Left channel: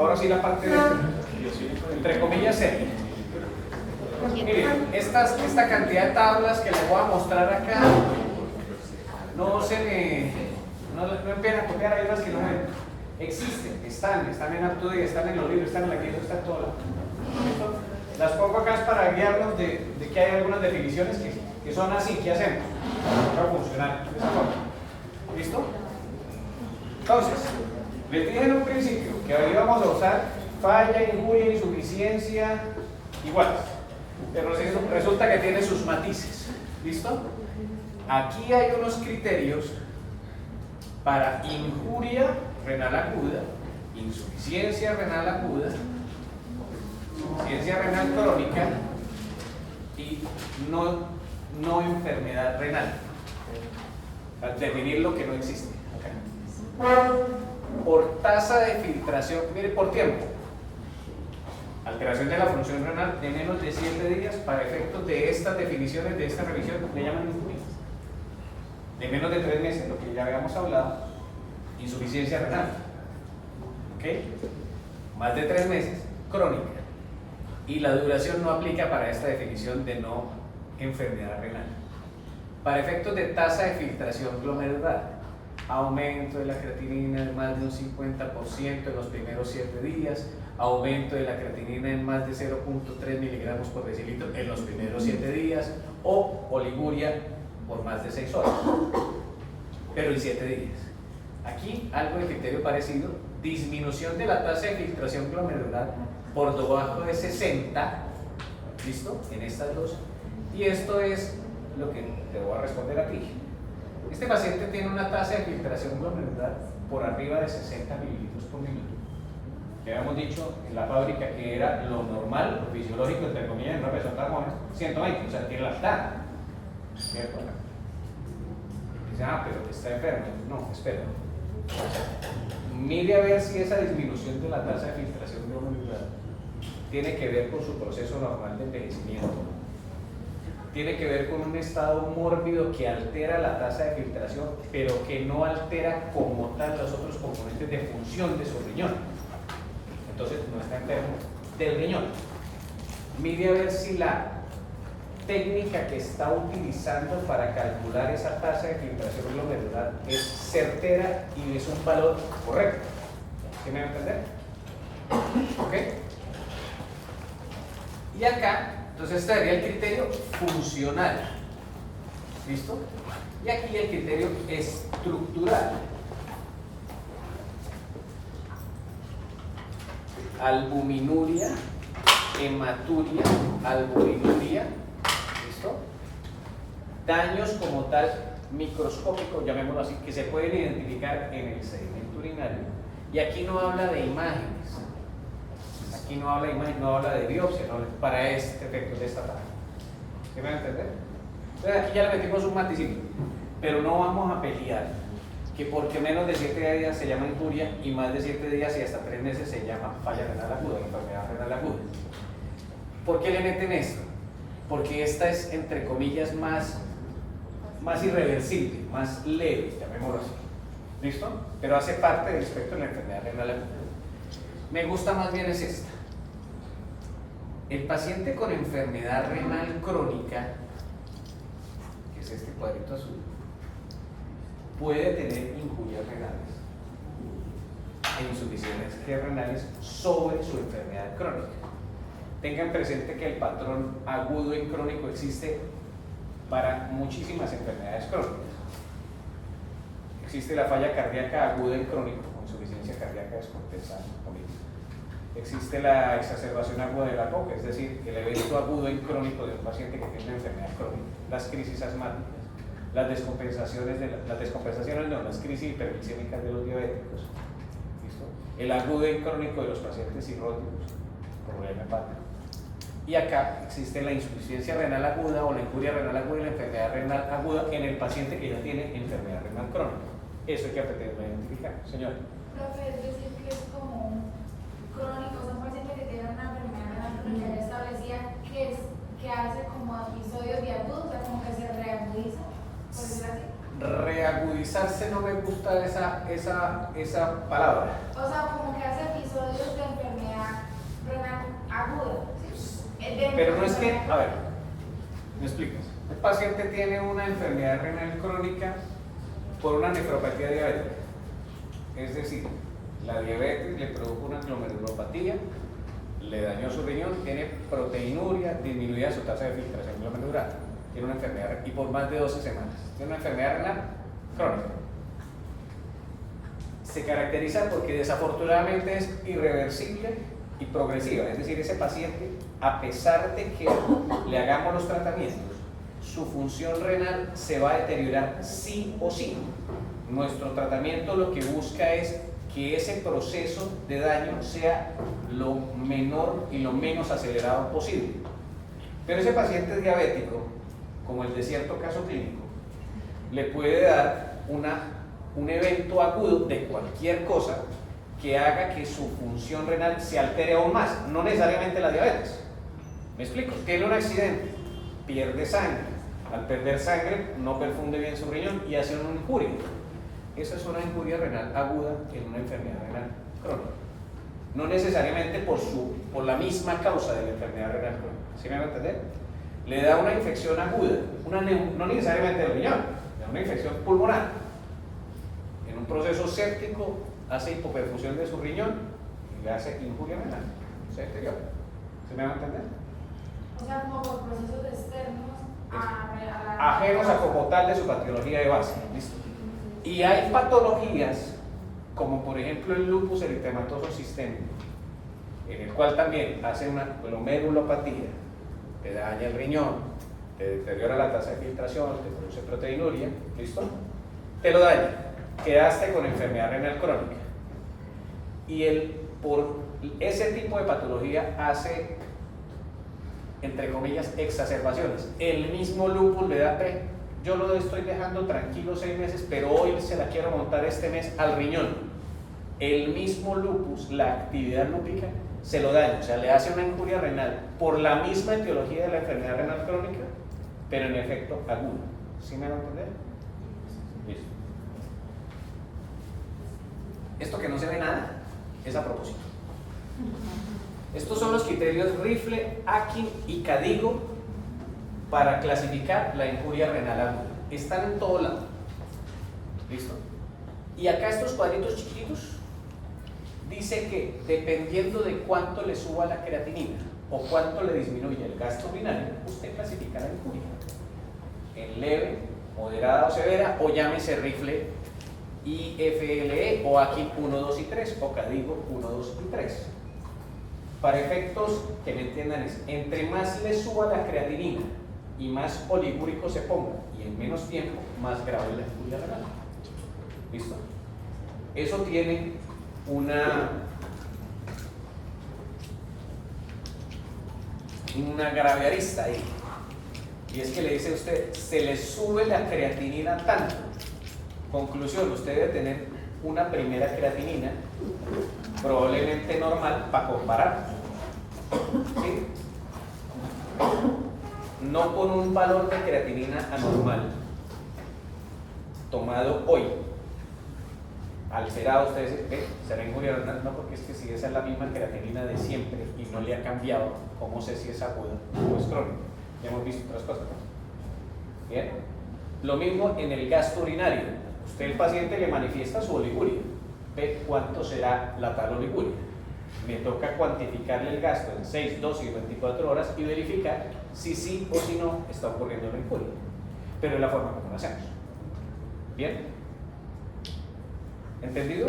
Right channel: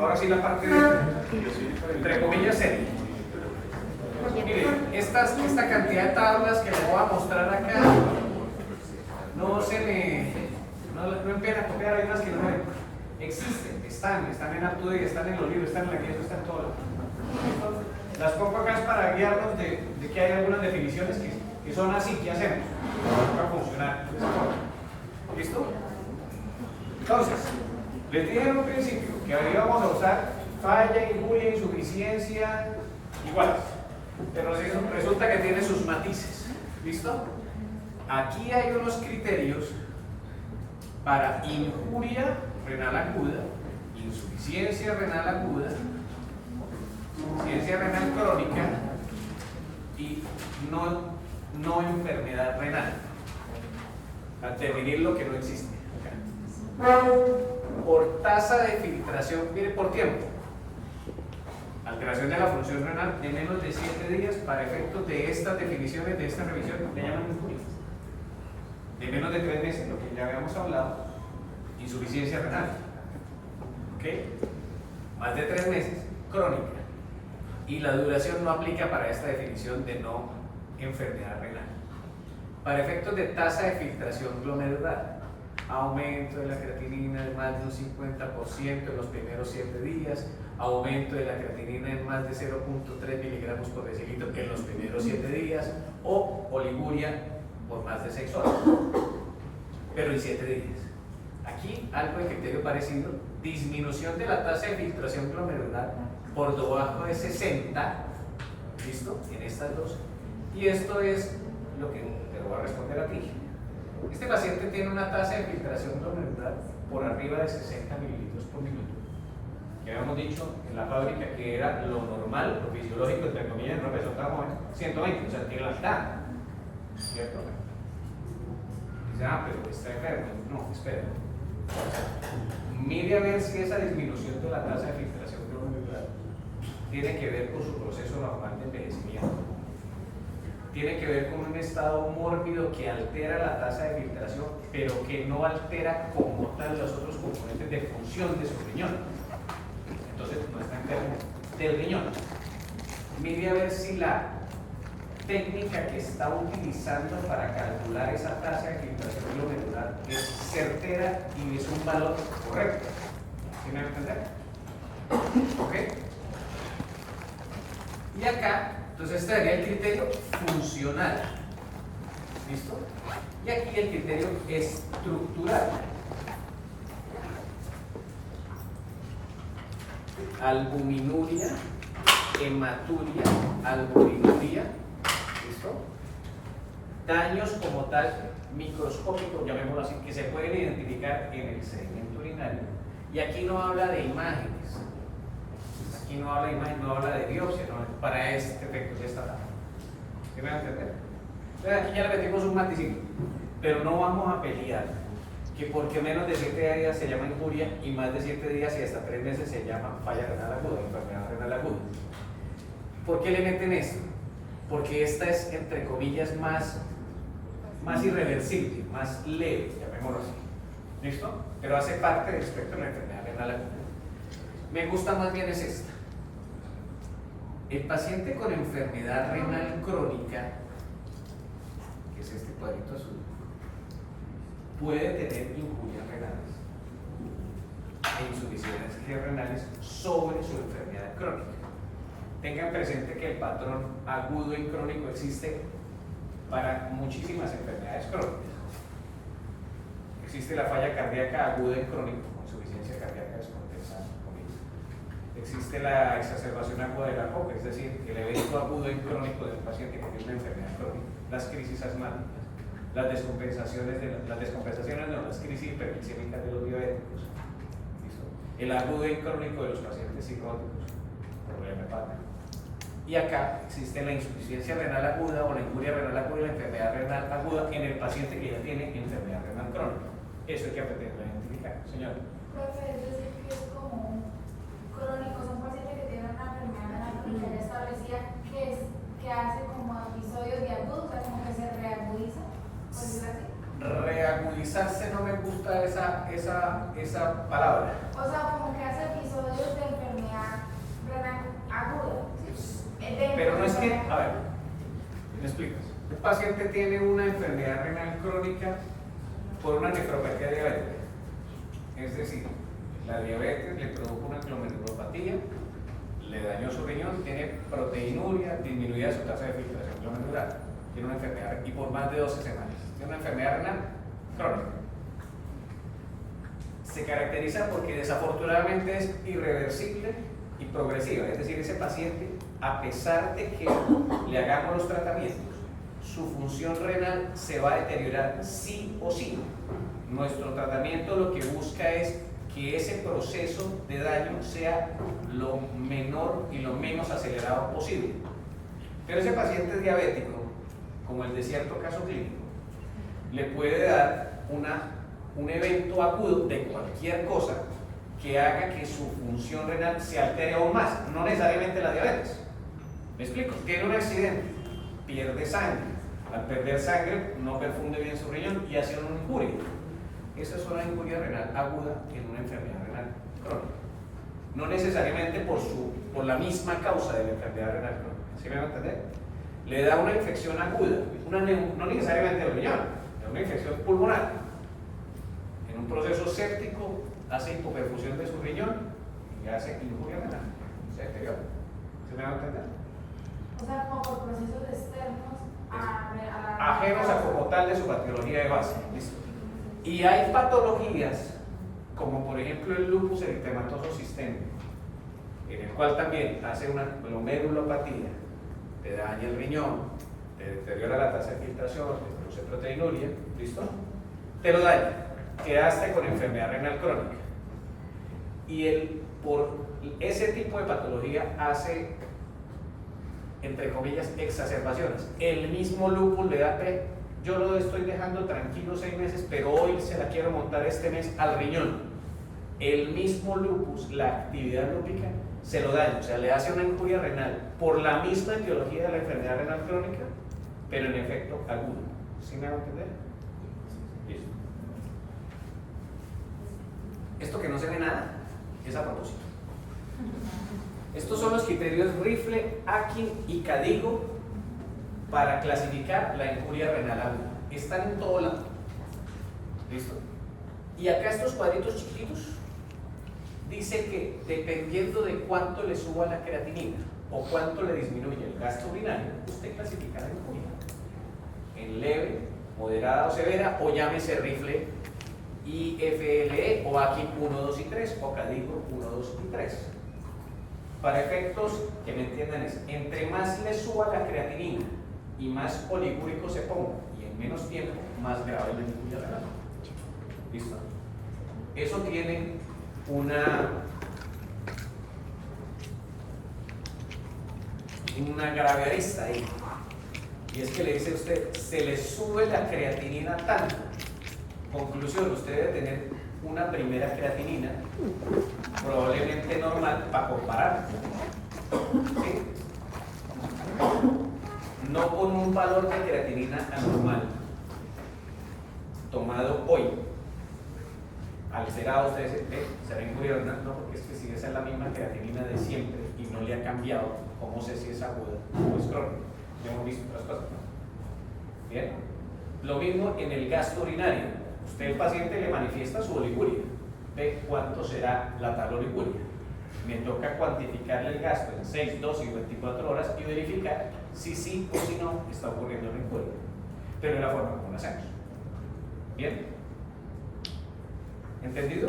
ahora sí la parte de, entre comillas, seria. Miren, esta cantidad de tablas que les voy a mostrar acá, no empiecen a copiar, hay otras que no existen, están en Artudía, están en los libros, están en la guía, están todas. Las pongo acá es para guiarnos de que hay algunas definiciones que son así, ¿qué hacemos? Para funcionar de esa forma. ¿Listo? Entonces, les dije en un principio que ahora íbamos a usar falla, injuria, insuficiencia, iguales. Pero resulta que tiene sus matices. ¿Listo? Aquí hay unos criterios para injuria renal aguda, insuficiencia renal aguda, insuficiencia renal crónica y no enfermedad renal. Para definir lo que no existe. Por tasa de filtración, mire, por tiempo. Alteración de la función renal de menos de 7 días para efectos de estas definiciones, de esta revisión, le llaman injuria. De menos de 3 meses, lo que ya habíamos hablado, insuficiencia renal. ¿Ok? Más de 3 meses, crónica. Y la duración no aplica para esta definición de no enfermedad renal. Para efectos de tasa de filtración glomerular, aumento de la creatinina en más de un 50% en los primeros 7 días, aumento de la creatinina en más de 0.3 miligramos por decilitro en los primeros 7 días, o oliguria por más de 6 horas, pero en 7 días. Aquí algo de criterio parecido, disminución de la tasa de filtración glomerular por debajo de 60, ¿listo? En estas dos. Y esto es lo que te voy a responder a ti. Este paciente tiene una tasa de filtración glomerular por arriba de 60 mililitros por minuto. Que habíamos dicho en la fábrica que era lo normal, lo fisiológico, entre comillas, en una persona joven, 120, o sea, tiene la mitad. ¿Cierto? Dice, pero está enfermo. No, espera. Mire a ver si esa disminución de la tasa de filtración glomerular tiene que ver con su proceso normal de envejecimiento. Tiene que ver con un estado mórbido que altera la tasa de filtración, pero que no altera como tal los otros componentes de función de su riñón. Entonces no está enfermo del riñón. Mire a ver si la técnica que está utilizando para calcular esa tasa de filtración glomerular es certera y es un valor correcto. ¿Sí me va a entender? ¿Ok? Y acá, entonces este sería el criterio funcional. ¿Listo? Y aquí el criterio estructural. Albuminuria, hematuria, albuminuria. ¿Listo? Daños como tal microscópicos, llamémoslo así, que se pueden identificar en el sedimento urinario. Y aquí no habla de imágenes. Aquí no habla de imagen, no habla de biopsia, no, para este efecto de esta tabla. ¿Sí me van a entender? Entonces aquí ya le metimos un maticito, pero no vamos a pelear que porque menos de 7 días se llama injuria y más de 7 días y hasta 3 meses se llama falla renal aguda, enfermedad renal aguda. ¿Por qué le meten esto? Porque esta es, entre comillas, más irreversible, más leve, llamémoslo así. ¿Listo? Pero hace parte del espectro de la enfermedad renal aguda. Me gusta más bien es esta. El paciente con enfermedad renal crónica, que es este cuadrito azul, puede tener injurias renales e insuficiencias renales sobre su enfermedad crónica. Tengan presente que el patrón agudo y crónico existe para muchísimas enfermedades crónicas. Existe la falla cardíaca aguda y crónica, con insuficiencia cardíaca descompensada. Existe la exacerbación aguda de la coca, es decir, el evento agudo y crónico de un paciente que tiene una enfermedad crónica, las crisis asmáticas, las crisis hiperglicémicas de los diabéticos, ¿listo? El agudo y crónico de los pacientes cirróticos, problema hepático. Y acá existe la insuficiencia renal aguda o la injuria renal aguda y la enfermedad renal aguda en el paciente que ya tiene enfermedad renal crónica. Eso hay que aprender a identificar, señor. Profe, es decir, que es como crónico, es un paciente que tiene una enfermedad renal crónica ya establecida que hace como episodios de agudos, o sea, como que se reagudiza, ¿por decirlo así? Reagudizarse no me gusta esa palabra. O sea, como que hace episodios de tiene, a ver, ¿me explicas? El paciente tiene una enfermedad renal crónica por una nefropatía diabética. Es decir, la diabetes le produjo una glomerulopatía, le dañó su riñón, tiene proteinuria, disminuida su tasa de filtración glomerular, tiene una enfermedad y por más de 12 semanas. Tiene una enfermedad renal crónica. Se caracteriza porque desafortunadamente es irreversible y progresiva, es decir, ese paciente, a pesar de que le hagamos los tratamientos, su función renal se va a deteriorar sí o sí. Nuestro tratamiento lo que busca es que ese proceso de daño sea lo menor y lo menos acelerado posible. Pero ese paciente diabético, como el de cierto caso clínico, le puede dar un evento agudo de cualquier cosa que haga que su función renal se altere aún más, no necesariamente la diabetes. ¿Me explico? Tiene un accidente, pierde sangre, al perder sangre no perfunde bien su riñón y hace una injuria. Esa es una injuria renal aguda en una enfermedad renal crónica. No necesariamente por la misma causa de la enfermedad renal crónica. ¿Sí me van a entender? Le da una infección aguda, no necesariamente del riñón, le da una infección pulmonar. En un proceso séptico hace hipoperfusión de su riñón y le hace injuria renal, se deteriora. ¿Sí me van a entender? O sea, como por procesos externos ajenos a como tal de su patología de base. ¿Listo? Y hay patologías, como por ejemplo el lupus eritematoso sistémico, en el cual también hace una glomerulopatía, te daña el riñón, te deteriora la tasa de filtración, te produce proteinuria, ¿listo? Te lo daña, quedaste con enfermedad renal crónica. Y por ese tipo de patología hace, entre comillas, exacerbaciones. El mismo lupus le da yo lo estoy dejando tranquilo 6 meses, pero hoy se la quiero montar este mes al riñón. El mismo lupus, la actividad lúpica, se lo daña, o sea, le hace una injuria renal por la misma etiología de la enfermedad renal crónica, pero en efecto agudo. ¿Sí me van a entender? Listo. Esto que no se ve nada es a propósito. Estos son los criterios Rifle, Akin y Cadigo para clasificar la injuria renal aguda. Están en todo lado. ¿Listo? Y acá estos cuadritos chiquitos dice que dependiendo de cuánto le suba la creatinina o cuánto le disminuye el gasto urinario, usted clasifica la injuria en leve, moderada o severa, o llámese Rifle IFLE o Akin 1, 2 y 3 o Cadigo 1, 2 y 3. Para efectos que me entiendan es, entre más le suba la creatinina y más oligúrico se ponga y en menos tiempo, más grave la injuria renal. ¿Listo? Eso tiene una grave arista ahí. Y es que le dice a usted, se le sube la creatinina tanto. Conclusión, usted debe tener una primera creatinina probablemente normal para comparar. ¿Sí? No con un valor de creatinina anormal tomado hoy. Alterado, ustedes será injuria renal, no, porque es que si esa es la misma creatinina de siempre y no le ha cambiado, ¿cómo sé si es aguda o es crónica? Ya hemos visto otras cosas. Bien, lo mismo en el gasto urinario. Usted, el paciente, le manifiesta su oliguria. Ve cuánto será la tal oliguria. Me toca cuantificarle el gasto en 6, 12 y 24 horas y verificar si sí o si no está ocurriendo la injuria. Pero es la forma como lo hacemos. ¿Bien? ¿Entendido?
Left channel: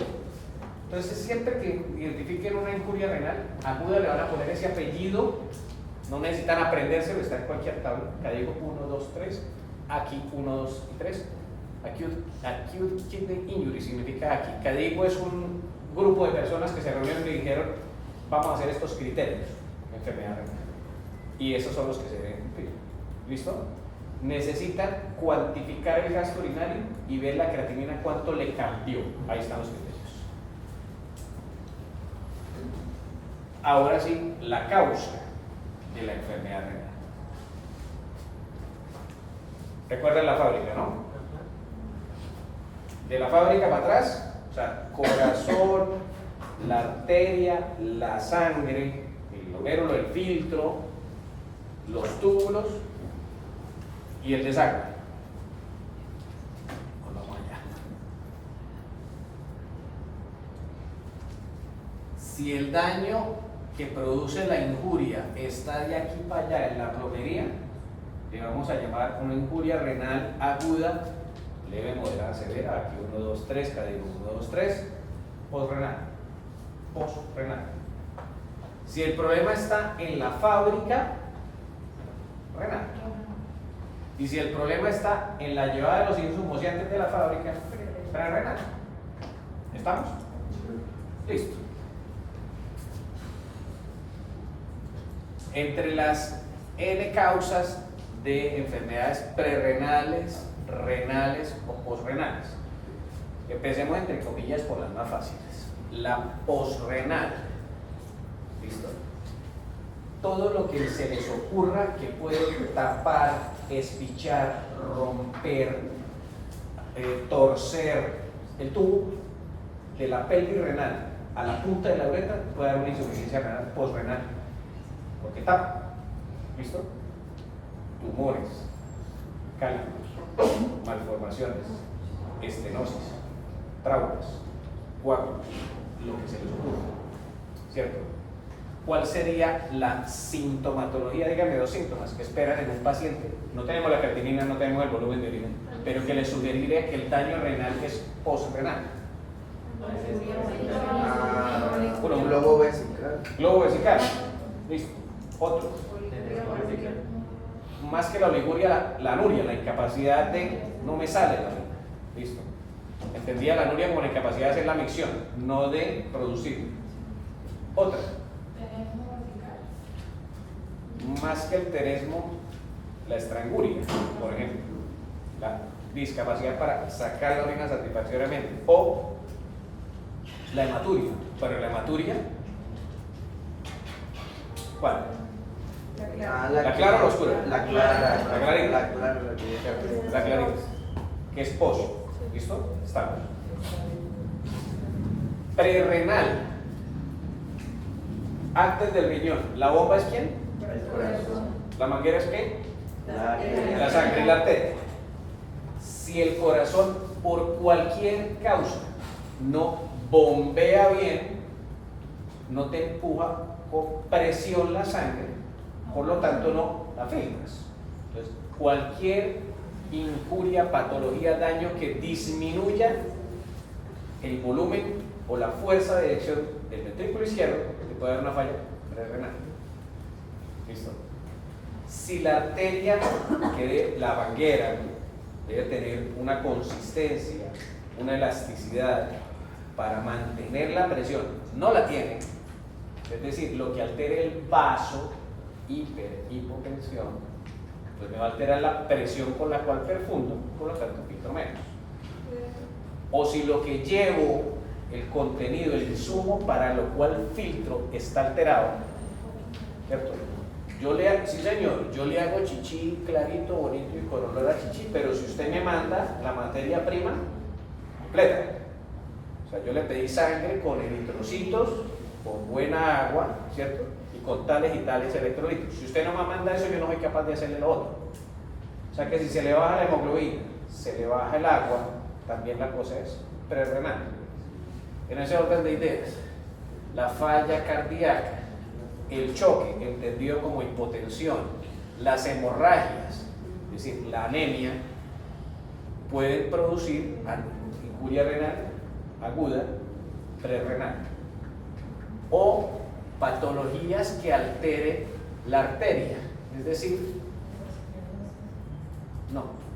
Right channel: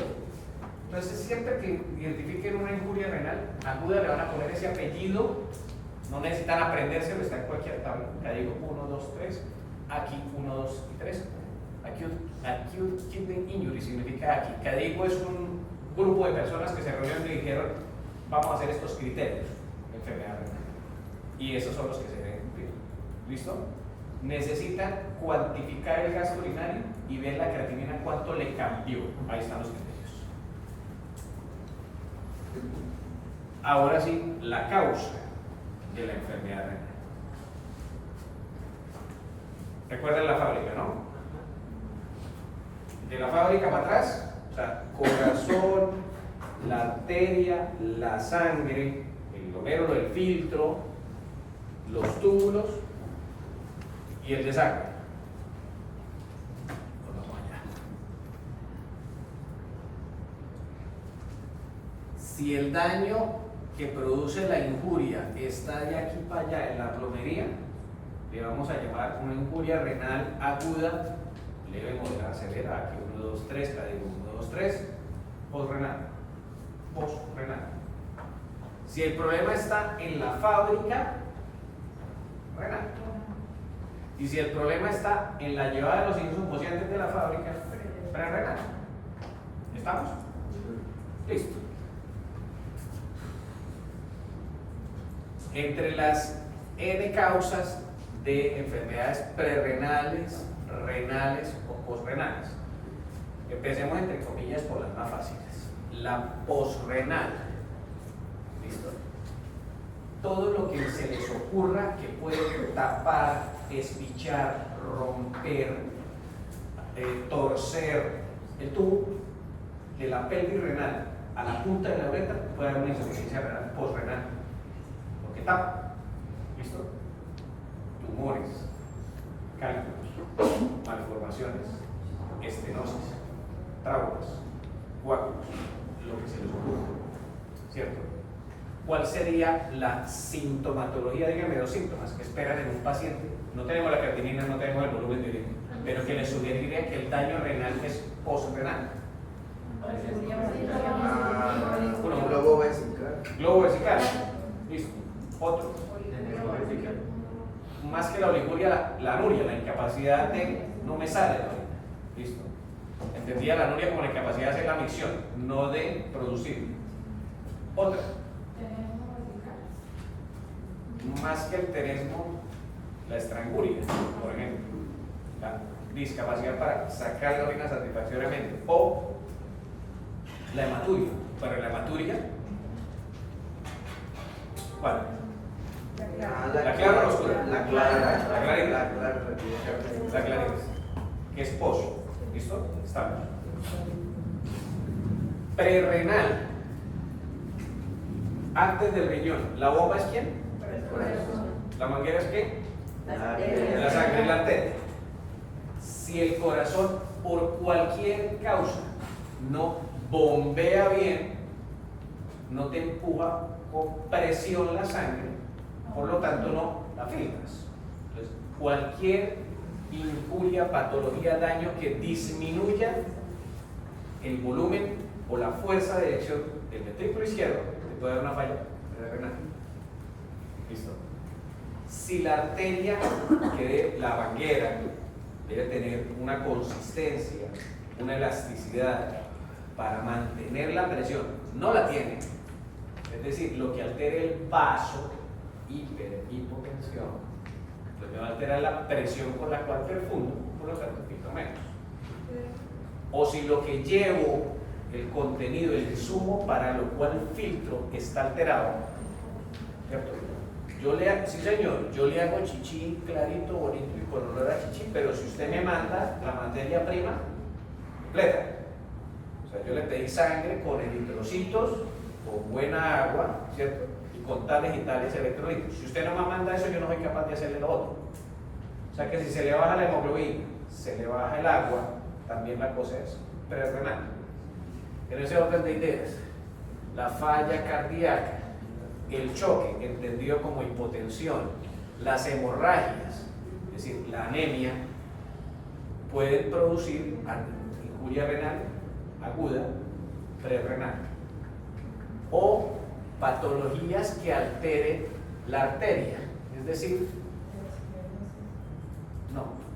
Entonces, siempre que identifiquen una injuria renal aguda, le van a poner ese apellido. No necesitan aprendérselo, está en cualquier tabla. Acá digo 1, 2, 3. Aquí 1, 2 y 3. Acute kidney injury significa aquí. Cadigo es un grupo de personas que se reunieron y dijeron, vamos a hacer estos criterios de enfermedad renal. Y esos son los que se deben cumplir. ¿Listo? Necesitan cuantificar el gasto urinario y ver la creatinina cuánto le cambió. Ahí están los criterios. Ahora sí, la causa de la enfermedad renal. Recuerden la fábrica, ¿no? De la fábrica para atrás, o sea, corazón, la arteria, la sangre, el glomérulo, el filtro, los túbulos y el desagüe. Vamos allá. Si el daño que produce la injuria está de aquí para allá en la plomería, le vamos a llamar una injuria renal aguda, leve, moderada, severa. Aquí 1, 2, 3, cada 1, 2, 3, posrenal. Posrenal. Si el problema está en la fábrica, renal. Y si el problema está en la llevada de los insumos antes de la fábrica, renal. ¿Estamos? Listo. Entre las N causas de enfermedades prerrenales, renales o posrenales, empecemos entre comillas por las más fáciles. La posrenal, ¿listo? Todo lo que se les ocurra que puede tapar, espichar, romper, torcer el tubo de la pelvis renal a la punta de la uretra puede dar una insuficiencia renal posrenal, porque tapa, ¿listo? Tumores, cálculos, malformaciones, estenosis, traumas, coágulos, lo que se les ocurra, ¿cierto? ¿Cuál sería la sintomatología? Díganme 2 síntomas que esperan en un paciente. No tenemos la creatinina, no tenemos el volumen de orina, pero que le sugeriría que el daño renal es posrenal. Globo vesical. Globo vesical. Listo. Otro. Más que la oliguria, la anuria, la incapacidad de no me sale la orina. Listo. Entendía la anuria como la incapacidad de hacer la micción, no de producir. Otra. Más que el teresmo, la estranguria, por ejemplo, la discapacidad para sacar la orina satisfactoriamente, o la hematuria. Para la hematuria, ¿cuál? La clara o la oscura. La clara. La clarita. La clara. La clarita, que es pos. ¿Listo? Estamos. Prerrenal. Antes del riñón. ¿La bomba es quién? ¿La manguera es qué? La sangre, la arteria. Si el corazón, por cualquier causa, no bombea bien, no te empuja con presión la sangre, por lo tanto no la filtras. Entonces, cualquier injuria, patología, daño que disminuya el volumen o la fuerza de eyección del ventrículo izquierdo, te puede dar una falla renal. ¿Listo? Si la arteria, la manguera, debe tener una consistencia, una elasticidad para mantener la presión, no la tiene. Es decir, lo que altere el vaso, hipotensión, pues me va a alterar la presión con la cual perfundo, por lo tanto filtro menos. O si lo que llevo, el contenido, el insumo para lo cual filtro está alterado, ¿cierto? Sí señor, yo le hago chichi clarito, bonito y con olor a chichi, pero si usted me manda la materia prima completa, o sea, yo le pedí sangre con eritrocitos, con buena agua, ¿cierto? Y con tales y tales electrolitos. Si usted no me manda eso, yo no soy capaz de hacerle lo otro. O sea que si se le baja la hemoglobina, se le baja el agua, también la cosa es prerrenal. En ese orden de ideas, la falla cardíaca, el choque, entendido como hipotensión, las hemorragias, es decir, la anemia, pueden producir injuria renal aguda, prerrenal, o patologías que alteren la arteria, es decir,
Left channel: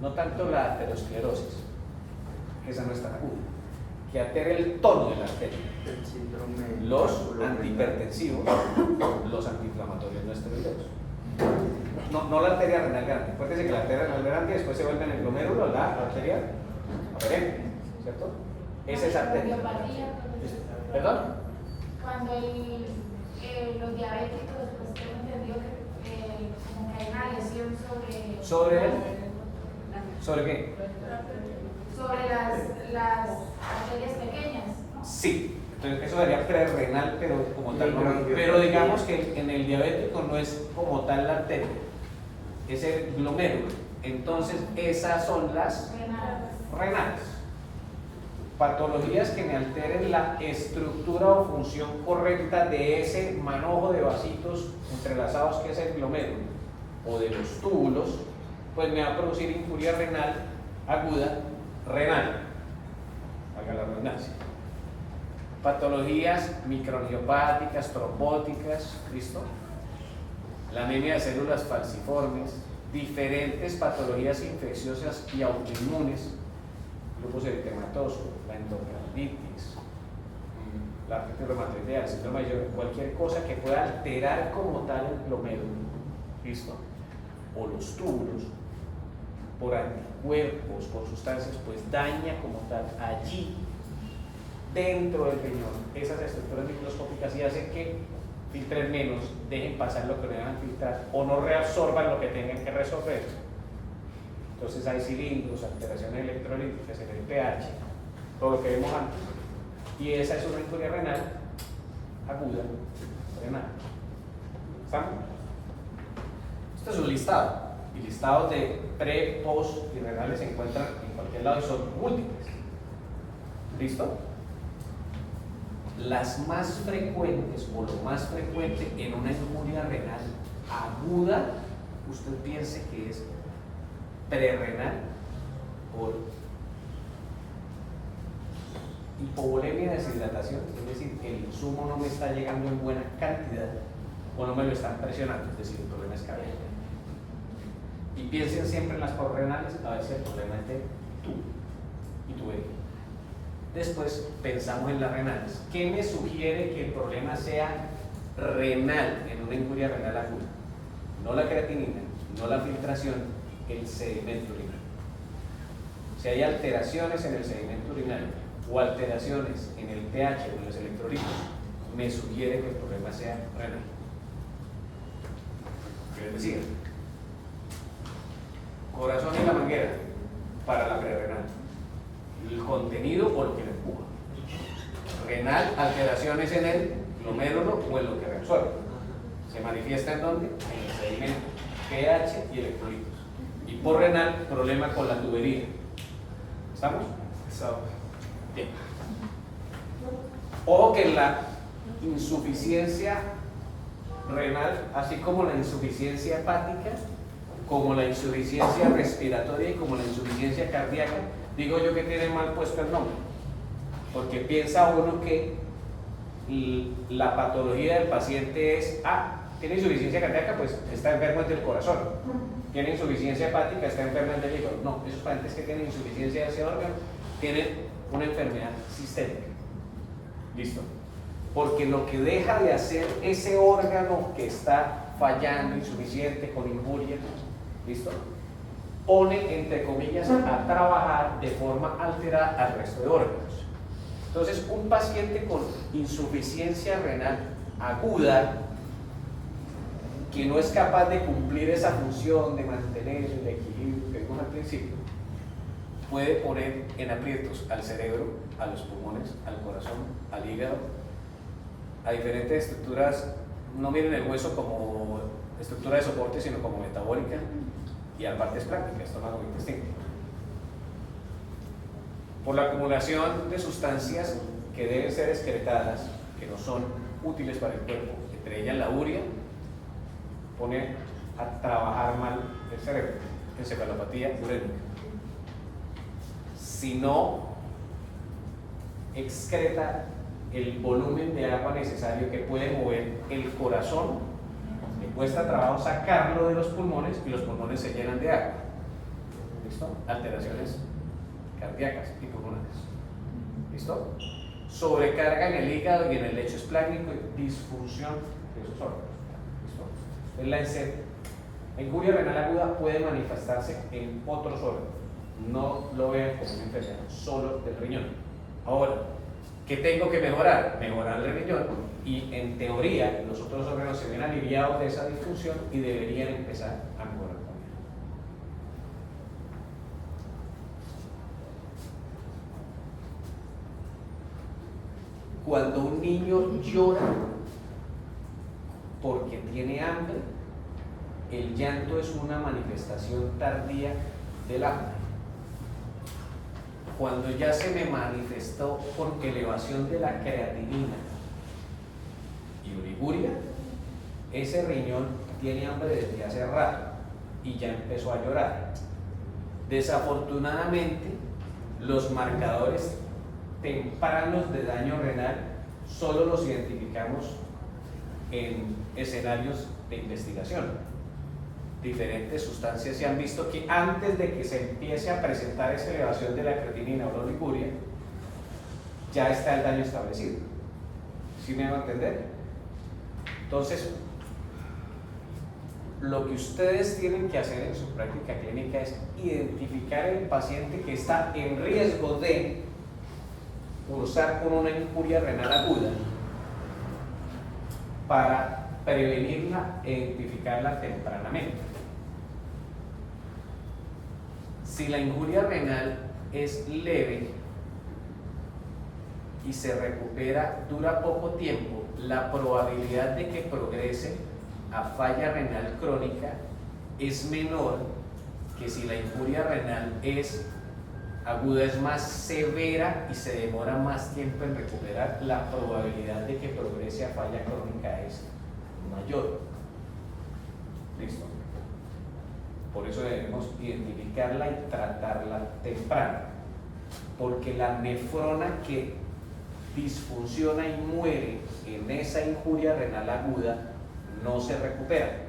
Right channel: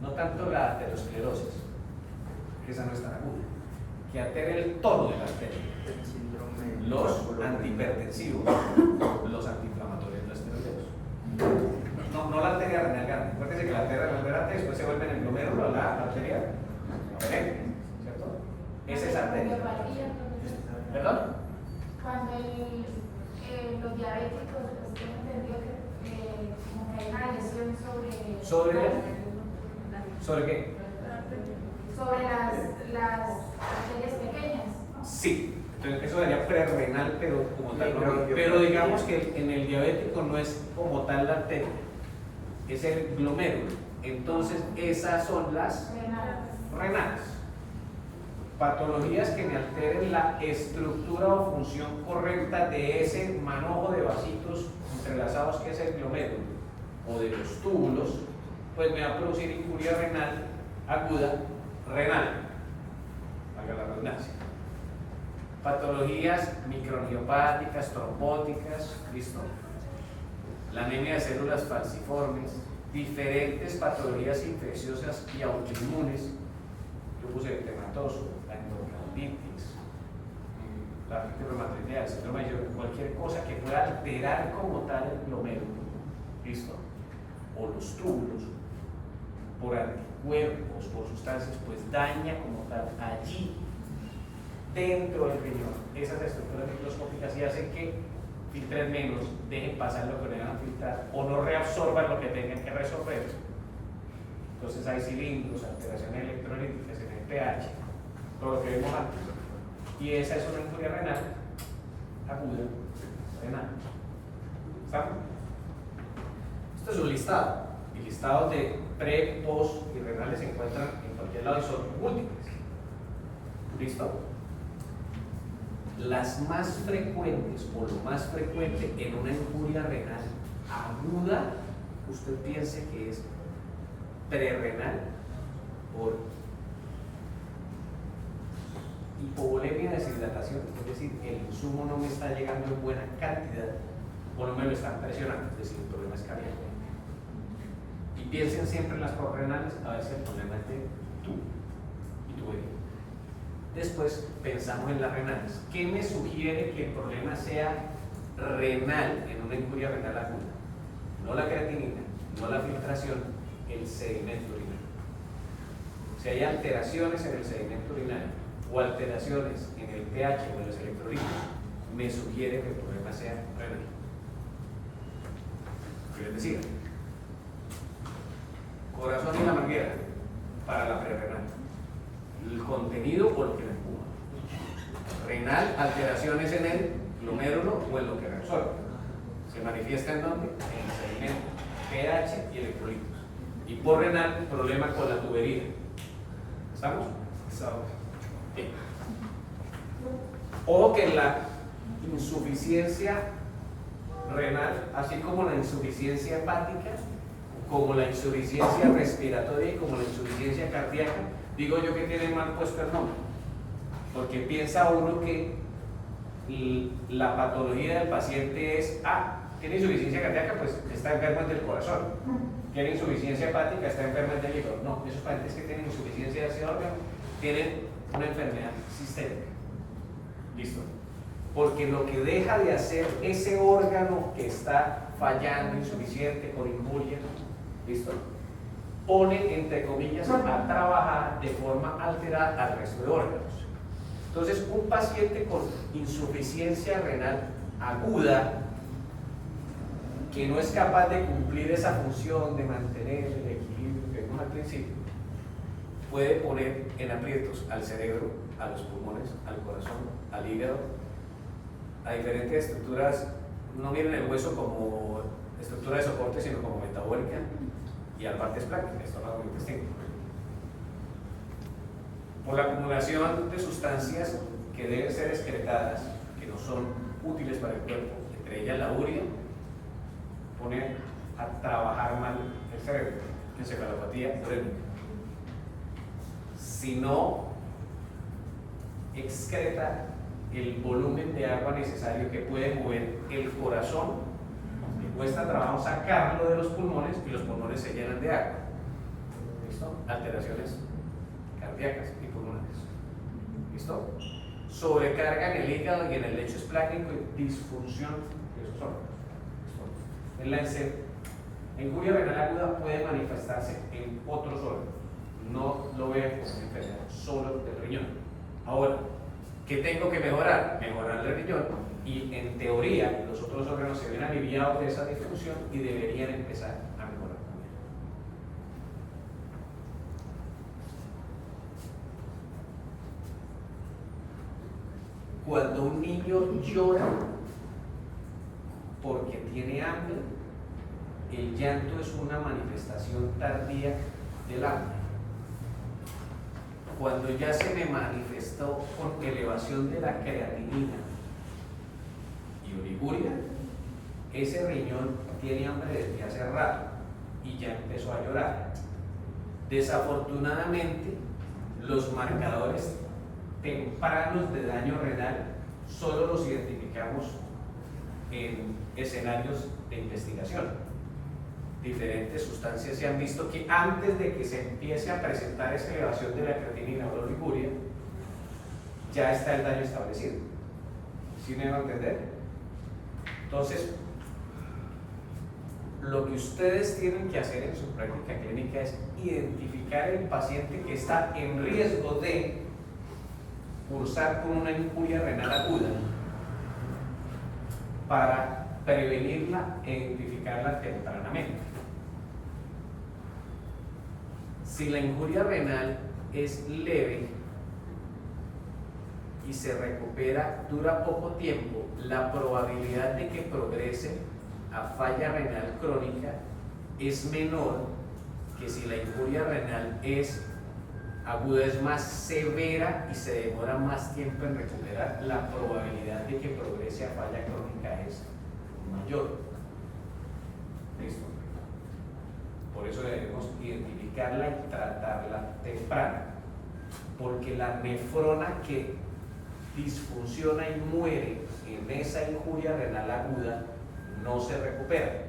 no tanto la arteriosclerosis, esa no es tan aguda, que altere el tono de la arteria. Los antihipertensivos, los antiinflamatorios no esteroideos. No la arteria renal grande. Acuérdense que la arteria renal grande después se vuelve en el glomérulo, la arteria perenne, ¿cierto? Esa es arteria. ¿Perdón? Cuando los diabéticos, pues tengo entendido que como que hay una lesión ¿Sobre qué? sobre las arterias pequeñas. Sí. Entonces, eso sería prerrenal, pero como tal, pero digamos que en el diabético no es como tal la arteria, es el glomérulo. Entonces, esas son las renales. Patologías que me alteren la estructura o función correcta de ese manojo de vasitos entrelazados que es el glomérulo o de los túbulos, pues me va a producir injuria renal aguda renal. Haga la redundancia. Patologías microangiopáticas, trombóticas, ¿listo? La anemia de células falciformes, diferentes patologías infecciosas y autoinmunes, lupus eritematoso, la endocarditis, la artritis reumatoidea, el síndrome de Sjögren, cualquier cosa que pueda alterar como tal el glomérulo, ¿listo? O los túbulos, por anticuerpos, por sustancias, pues daña como tal allí, dentro del riñón, esas estructuras microscópicas y hacen que filtren menos, dejen pasar lo que no deban filtrar o no reabsorban lo que tienen que resolver. Entonces hay cilindros, alteraciones electrolíticas en el pH, todo lo que vimos antes. Y esa es una injuria renal aguda renal. ¿Estamos? Esto es un listado. Y listados de pre, post y renales se encuentran en cualquier lado y son múltiples. ¿Listo? Las más frecuentes o lo más frecuente en una injuria renal aguda, usted piense que es prerrenal por hipovolemia de deshidratación, es decir, que el insumo no me está llegando en buena cantidad o no me lo están presionando, es decir, el problema es cardíaco. Y piensen siempre en las renales, a ver si el problema es de tú y tubería. Después pensamos en las renales. ¿Qué me sugiere que el problema sea renal en una injuria renal aguda? No la creatinina, no la filtración, el sedimento urinario. Si hay alteraciones en el sedimento urinario o alteraciones en el pH o en los electrolitos, me sugiere que el problema sea renal. ¿Qué les decía? Corazón de la manguera para la prerrenal. El contenido o lo que lo empuja. Renal, alteraciones en el glomérulo o en lo que reabsorbe. ¿Se manifiesta en dónde? En el sedimento, pH y electrolitos. Y por renal, problema con la tubería. ¿Estamos? Bien. Ojo que la insuficiencia renal, así como la insuficiencia hepática, como la insuficiencia respiratoria y como la insuficiencia cardíaca, digo yo que tiene mal puesto el nombre, porque piensa uno que la patología del paciente es, tiene insuficiencia cardíaca, pues está enfermo del corazón, tiene insuficiencia hepática, está enfermo del hígado. No, esos pacientes que tienen insuficiencia de ese órgano tienen una enfermedad sistémica. ¿Listo? Porque lo que deja de hacer ese órgano que está fallando, insuficiente, con injuria, ¿listo?, pone, entre comillas, a trabajar de forma alterada al resto de órganos. Entonces, un paciente con insuficiencia renal aguda, que no es capaz de cumplir esa función de mantener el equilibrio que vimos al principio, puede poner en aprietos al cerebro, a los pulmones, al corazón, al hígado, a diferentes estructuras. No miren el hueso como estructura de soporte, sino como metabólica, y a partes prácticas, estómago y intestino. Por la acumulación de sustancias que deben ser excretadas, que no son útiles para el cuerpo, entre ellas la urea, pone a trabajar mal el cerebro, encefalopatía urémica. Si no excreta el volumen de agua necesario que puede mover el corazón, y cuesta trabajo sacarlo de los pulmones y los pulmones se llenan de agua. ¿Listo? Alteraciones cardíacas y pulmonares. ¿Listo? Sobrecarga en el hígado y en el lecho esplácnico y disfunción de esos órganos. ¿Listo? La injuria renal aguda puede manifestarse en otros órganos. No lo vean como una enfermedad solo del riñón. Ahora, ¿qué tengo que mejorar? Mejorar el riñón, y en teoría los otros órganos se ven aliviados de esa disfunción y deberían empezar a mejorar también. Cuando un niño llora porque tiene hambre, el llanto es una manifestación tardía del hambre. Cuando ya se me manifestó con elevación de la creatinina y oliguria, ese riñón tiene hambre desde hace rato y ya empezó a llorar. Desafortunadamente, los marcadores tempranos de daño renal solo los identificamos en escenarios de investigación. Diferentes sustancias se han visto que antes de que se empiece a presentar esa elevación de la creatinina o la oliguria, ya está el daño establecido. ¿Sí me va a entender? Entonces, lo que ustedes tienen que hacer en su práctica clínica es identificar el paciente que está en riesgo de cursar con una injuria renal aguda para prevenirla e identificarla tempranamente. Si la injuria renal es leve y se recupera, dura poco tiempo, la probabilidad de que progrese a falla renal crónica es menor que si la injuria renal es aguda, es más severa y se demora más tiempo en recuperar, la probabilidad de que progrese a falla crónica es mayor. ¿Listo? Por eso debemos identificarla y tratarla temprano, porque la nefrona que disfunciona y muere en esa injuria renal aguda no se recupera.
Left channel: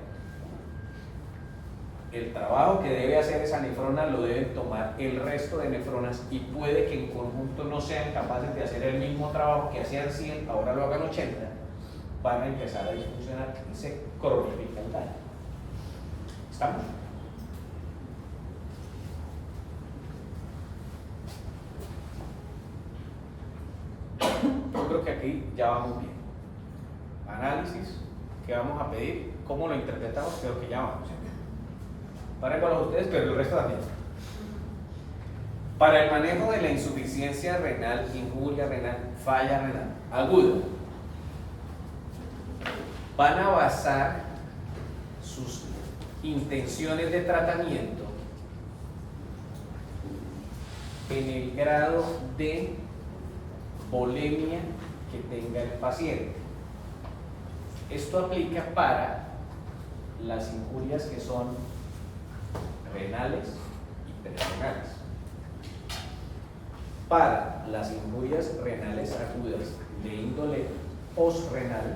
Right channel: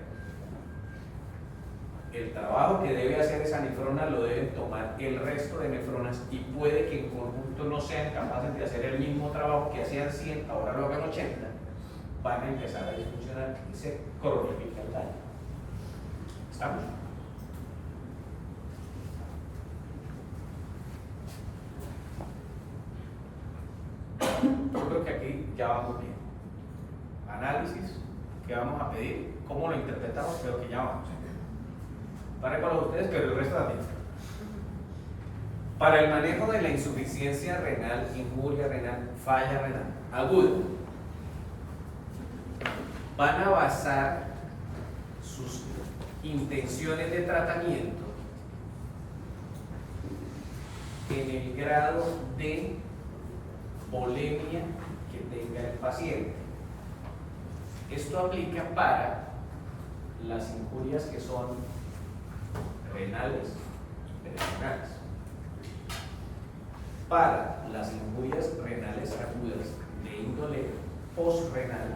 El trabajo que debe hacer esa nefrona lo deben tomar el resto de nefronas y puede que en conjunto no sean capaces de hacer el mismo trabajo que hacían 100, ahora lo hagan 80, van a empezar a disfuncionar y se cronifica el daño. ¿Estamos? Yo creo que aquí ya vamos bien. Análisis, ¿qué vamos a pedir? ¿Cómo lo interpretamos? Creo que ya vamos. Para con ustedes, pero el resto también. Para el manejo de la insuficiencia renal, injuria renal, falla renal aguda, van a basar sus intenciones de tratamiento en el grado de volemia que tenga el paciente. Esto aplica para las injurias que son renales y perirenales. Para las injurias renales agudas de índole postrenal,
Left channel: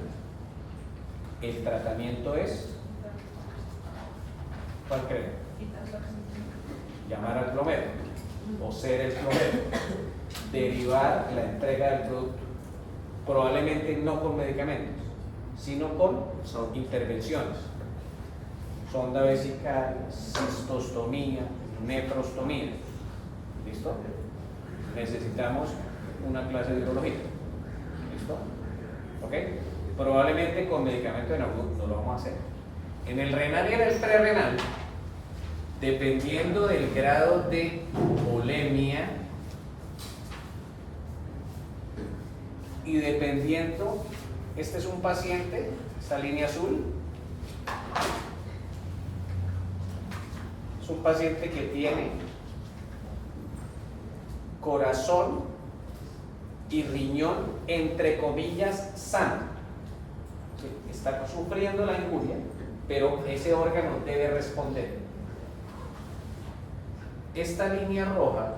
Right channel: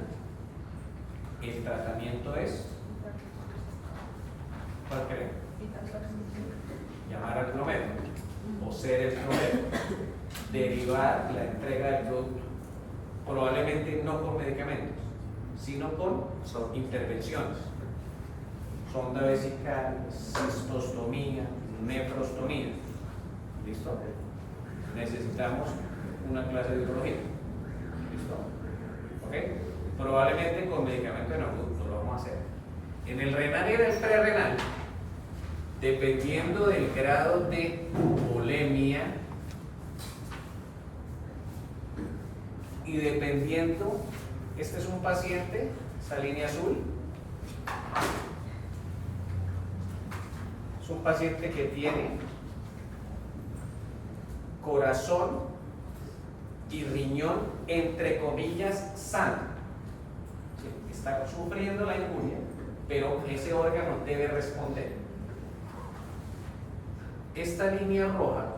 el tratamiento es, ¿cuál creen? Llamar al plomero o ser el plomero, derivar la entrega del producto, probablemente no con medicamentos, sino con intervenciones, sonda vesical, cistostomía, nefrostomía. ¿Listo? Necesitamos una clase de urología. ¿Listo? ¿Ok? Probablemente con medicamentos no lo vamos a hacer. En el renal y en el prerrenal, dependiendo del grado de volemia y dependiendo, este es un paciente, esta línea azul, es un paciente que tiene corazón y riñón, entre comillas, sano. Está sufriendo la injuria, pero ese órgano debe responder. Esta línea roja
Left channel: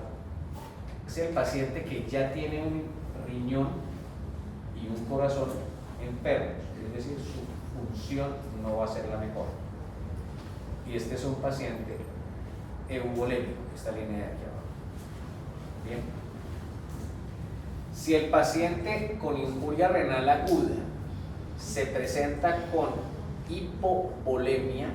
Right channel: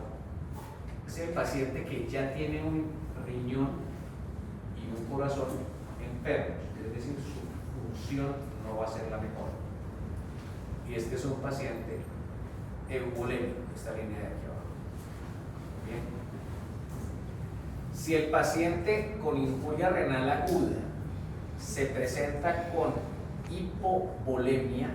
es el paciente que ya tiene un riñón y un corazón enfermos, es decir, su función no va a ser la mejor. Y este es un paciente euvolémico, esta línea de aquí abajo. Bien. Si el paciente con injuria renal aguda se presenta con hipovolemia,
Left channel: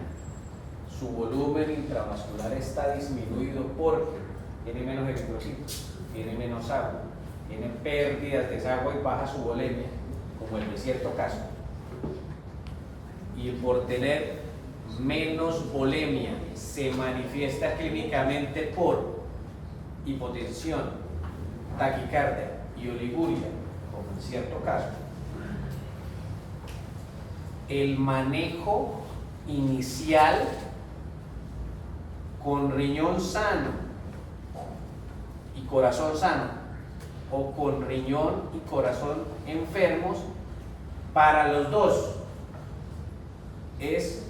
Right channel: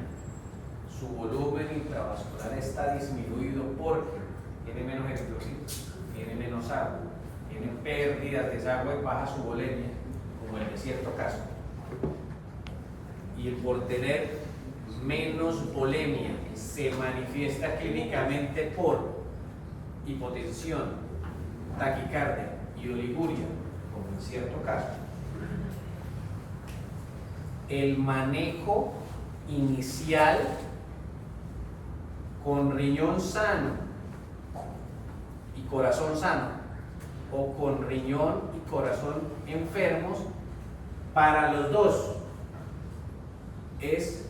su volumen intravascular está disminuido porque tiene menos eritrocitos, tiene menos agua, tiene pérdidas de esa agua y baja su volemia, como en cierto caso. Y por tener menos volemia se manifiesta clínicamente por hipotensión, taquicardia y oliguria, como en cierto caso. El manejo inicial con riñón sano y corazón sano, o con riñón y corazón enfermos, para los dos es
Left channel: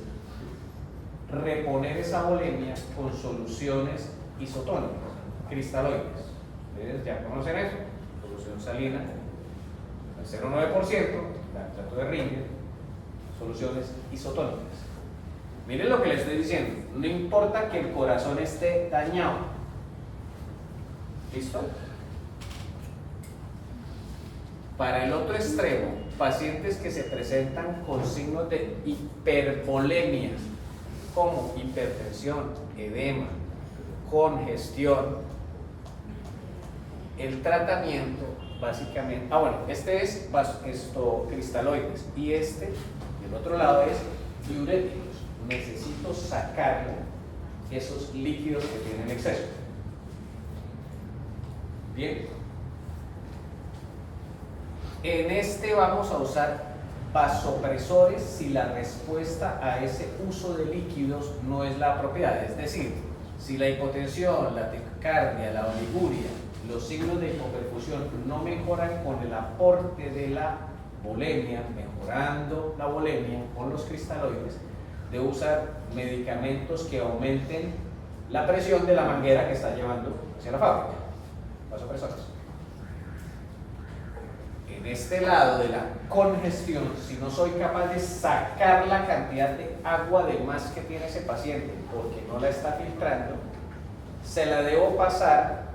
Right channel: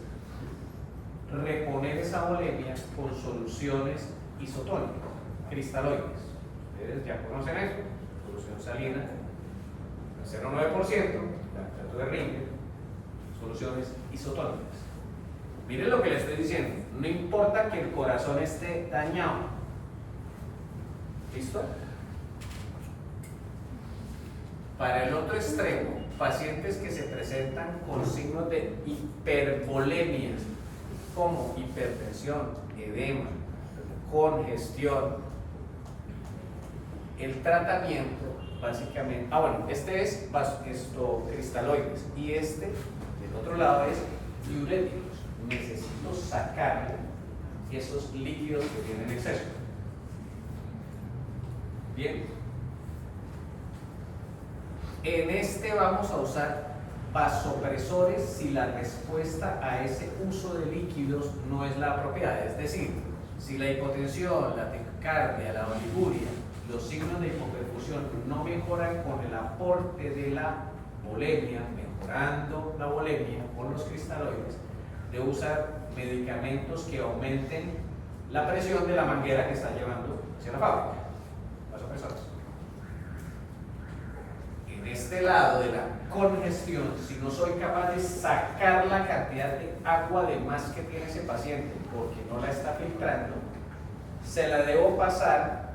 reponer esa volemia con soluciones isotónicas, cristaloides. Ustedes ya conocen eso, solución salina al 0,9%, lactato de Ringer, soluciones isotónicas. Miren lo que les estoy diciendo, no importa que el corazón esté dañado. ¿Listo? Para el otro extremo, pacientes que se presentan con signos de hipervolemia, como hipertensión, edema, congestión, el tratamiento básicamente, este es cristaloides, y del otro lado es diuréticos. Necesito sacarle esos líquidos que tienen exceso. Bien, en este vamos a usar vasopresores si la respuesta a ese uso de líquidos no es la apropiada, es decir, si la hipotensión, la taquicardia, la oliguria, los signos de hipoperfusión no mejoran con el aporte de la volemia, mejorando la volemia con los cristaloides, de usar medicamentos que aumenten la presión de la manguera que está llevando hacia la fábrica, vasopresores. En este lado de la congestión, si no soy capaz de sacar la cantidad de agua de más que tiene ese paciente porque no la está filtrando, se la debo pasar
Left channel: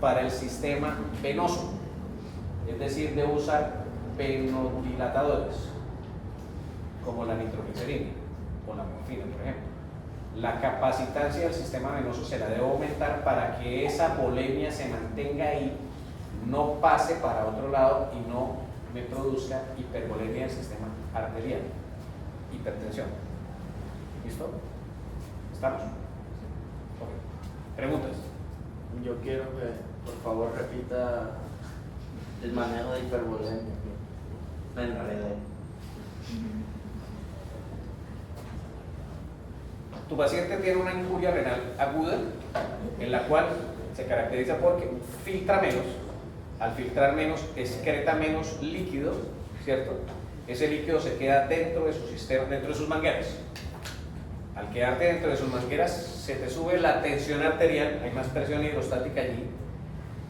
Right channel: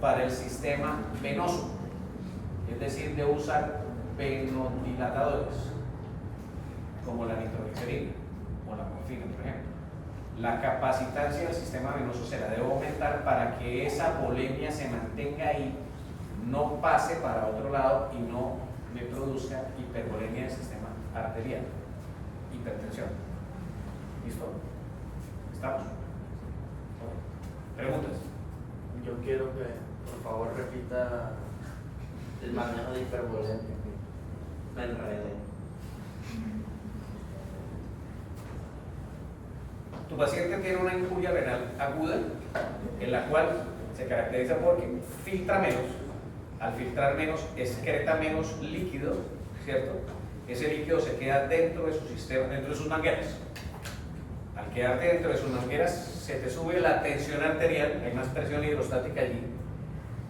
para el sistema venoso, es decir, debo usar venodilatadores como la nitroglicerina o la morfina, por ejemplo. La capacitancia del sistema venoso se la debo aumentar para que esa volemia se mantenga ahí, no pase para otro lado y no me produzca hipervolemia del sistema arterial, hipertensión. ¿Listo? ¿Estamos? ¿Preguntas? Yo quiero que por favor repita el manejo de hipervolemia. Me enredé. Tu paciente tiene una injuria renal aguda, en la cual se caracteriza porque filtra menos. Al filtrar menos, excreta menos líquido, ¿cierto? Ese líquido se queda dentro de su sistema, dentro de sus mangueras. Al quedarte dentro de sus mangueras, se te sube la tensión arterial, hay más presión hidrostática allí.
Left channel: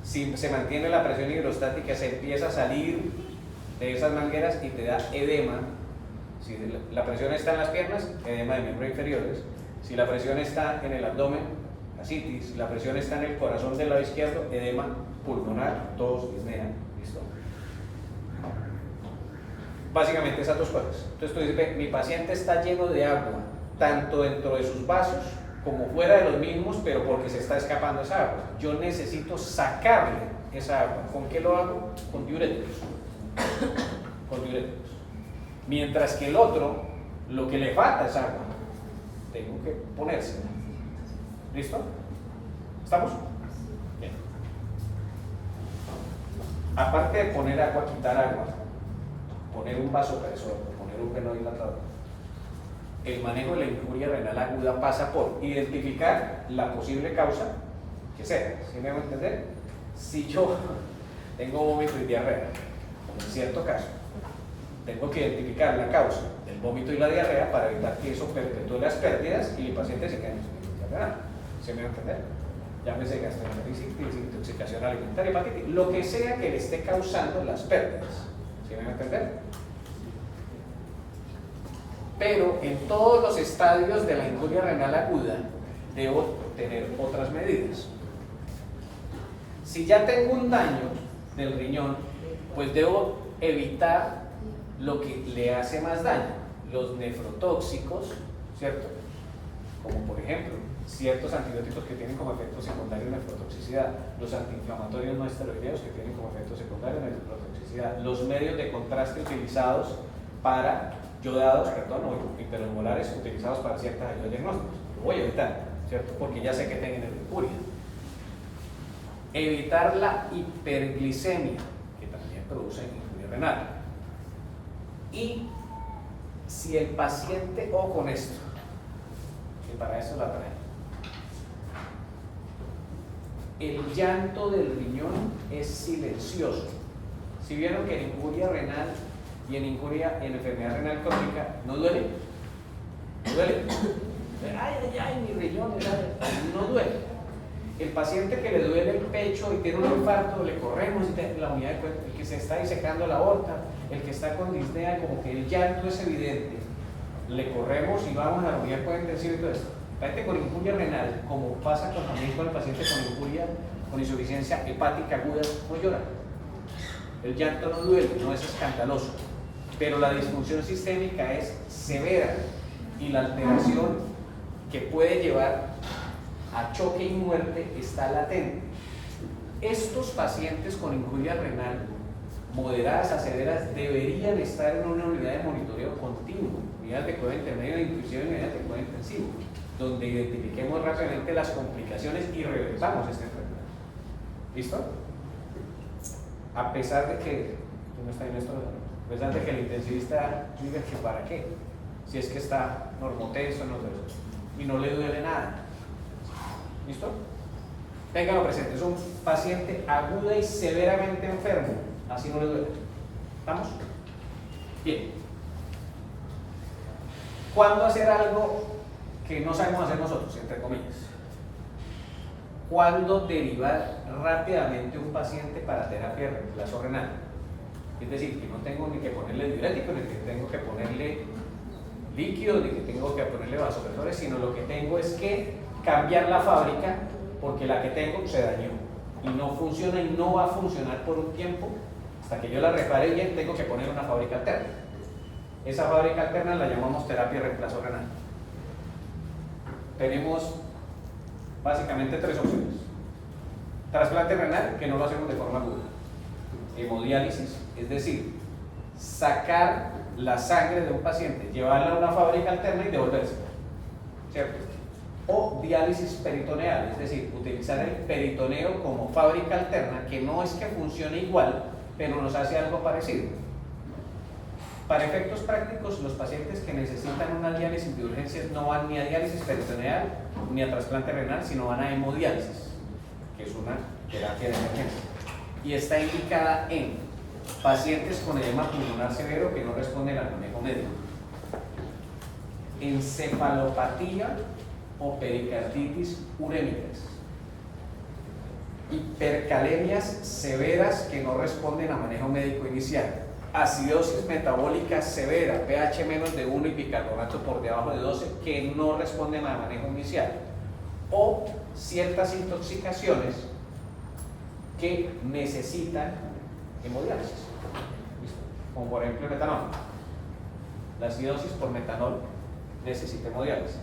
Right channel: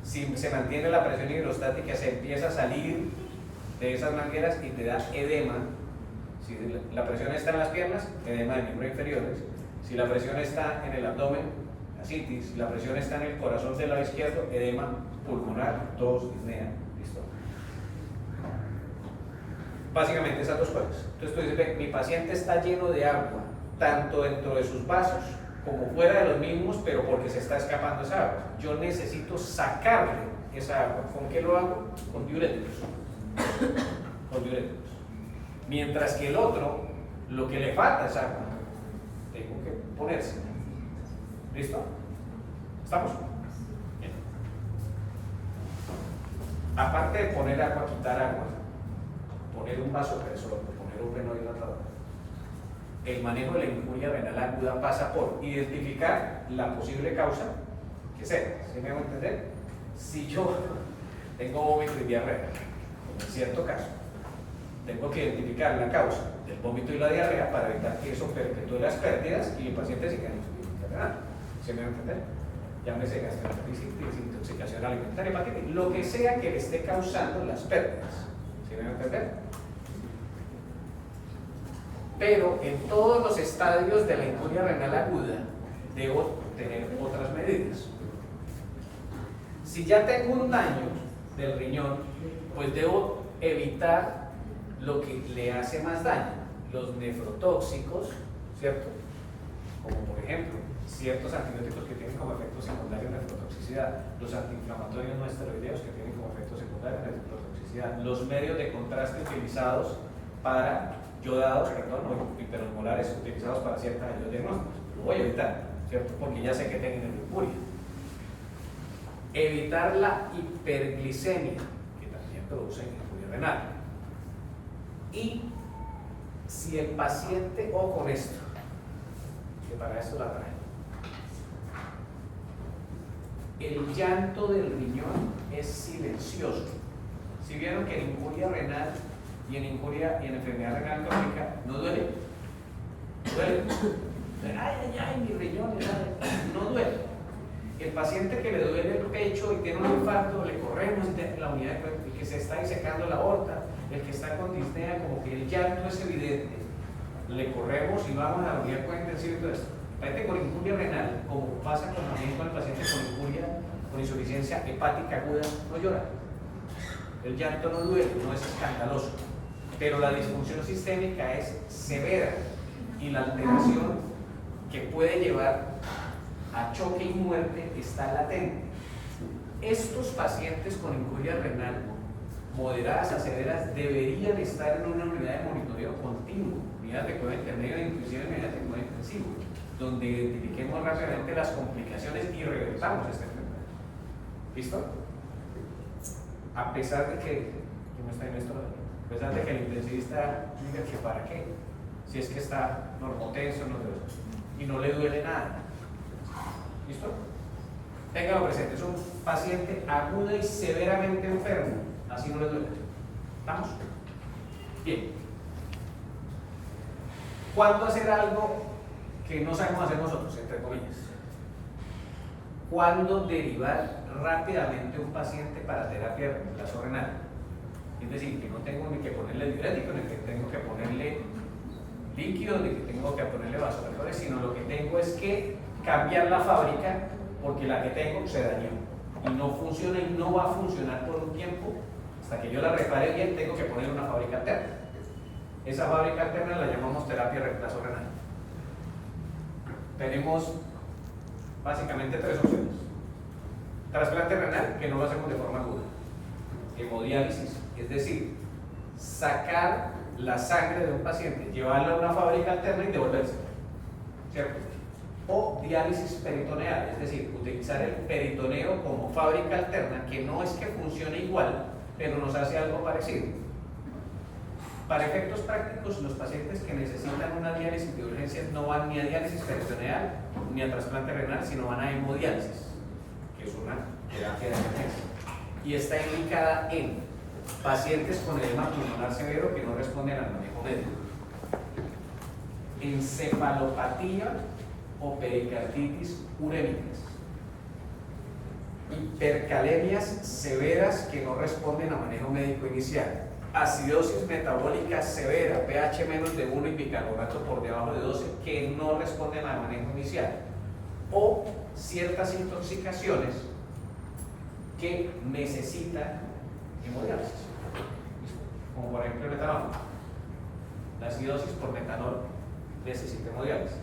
Si se mantiene la presión hidrostática, se empieza a salir de esas mangueras y te da edema. Si la presión está en las piernas, edema de miembros inferiores. Si la presión está en el abdomen, ascitis. Si la presión está en el corazón del lado izquierdo, edema pulmonar, tos, disnea. ¿Listo? Básicamente esas dos cosas. Entonces tú dices, mi paciente está lleno de agua, tanto dentro de sus vasos como fuera de los mismos, pero porque se está escapando esa agua. Yo necesito sacarle esa agua. ¿Con qué lo hago? Con diuréticos. Con diuréticos. Mientras que el otro, lo que le falta es agua. Tengo que ponerse. ¿Listo? ¿Estamos? Bien. Aparte de poner agua, quitar agua, poner un vasopresor, poner un venodilatador, el manejo de la injuria renal aguda pasa por identificar la posible causa que sea. ¿Sí me van a entender? Si yo tengo vómito y diarrea, como en cierto caso, tengo que identificar la causa del vómito y la diarrea para evitar que eso perpetúe las pérdidas y el paciente se quede en enfermedad. ¿Sí me van a entender? Llámese gastroenteritis, intoxicación alimentaria, hepatitis, lo que sea que le esté causando las pérdidas. ¿Sí me van a entender? Pero en todos los estadios de la injuria renal aguda debo tener otras medidas. Si ya tengo un daño del riñón, pues debo evitar lo que le hace más daño, los nefrotóxicos, ¿cierto? Como por ejemplo, ciertos antibióticos que tienen como efecto secundario nefrotoxicidad, los antiinflamatorios no esteroideos que tienen como efecto secundario nefrotoxicidad, los medios de contraste utilizados para yodados, o hiperosmolares utilizados para ciertas ayudas diagnósticas. Lo voy a evitar, ¿cierto? Porque ya sé que tienen injuria. Evitar la hiperglicemia, que también produce injuria renal. Y Si el paciente, o con esto, que para eso la trae, el llanto del riñón es silencioso. Si vieron que en incuria renal y en enfermedad renal crónica no duele, no duele. Ay, mi riñón, no duele. El paciente que le duele el pecho y tiene un infarto, le corremos y tiene la unidad de cuerpo, el que se está disecando la aorta, el que está con disnea, como que el llanto es evidente, le corremos y vamos a la unidad de cuerpo intensivo y todo esto. El paciente con incuria renal, como pasa también con el paciente con incuria, con insuficiencia hepática aguda, no llora. El llanto no duele, no es escandaloso, pero la disfunción sistémica es severa y la alteración que puede llevar a choque y muerte está latente. Estos pacientes con incuria renal moderadas a severas deberían estar en una unidad de monitoreo continuo, unidad de cuidado intermedio e inclusive unidad de cuidado intensivo, donde identifiquemos rápidamente las complicaciones y revertamos este enfermedad. ¿Listo? A pesar de que, a pesar de que el intensivista diga que para qué, si es que está normotenso, y no le duele nada. ¿Listo? Ténganlo presente, es un paciente aguda y severamente enfermo, así no le duele. ¿Estamos? Bien. ¿Cuándo hacer algo que no sabemos hacer nosotros, entre comillas? ¿Cuándo derivar rápidamente un paciente para terapia de reemplazo renal? Es decir, que no tengo ni que ponerle diurético, ni que tengo que ponerle líquido, ni que tengo que ponerle vasopresores, sino lo que tengo es que cambiar la fábrica porque la que tengo se dañó y no funciona y no va a funcionar por un tiempo. Hasta que yo la repare bien, tengo que poner una fábrica alterna. Esa fábrica alterna la llamamos terapia de reemplazo renal. Tenemos básicamente tres opciones. Trasplante renal, que no lo hacemos de forma aguda. Hemodiálisis, es decir, sacar la sangre de un paciente, llevarla a una fábrica alterna y devolverse, ¿cierto? O diálisis peritoneal, es decir, utilizar el peritoneo como fábrica alterna, que no es que funcione igual, pero nos hace algo parecido. Para efectos prácticos, los pacientes que necesitan una diálisis de urgencia no van ni a diálisis peritoneal ni a trasplante renal, sino van a hemodiálisis, que es una terapia de emergencia. Y está indicada en pacientes con edema pulmonar severo que no responden al manejo médico, encefalopatía o pericarditis urémicas, hipercalemias severas que no responden a manejo médico inicial, acidosis metabólica severa, pH menos de 1 y bicarbonato por debajo de 12 que no responden a manejo inicial, o ciertas intoxicaciones que necesitan hemodiálisis, como por ejemplo el metanol. La acidosis por metanol necesita hemodiálisis,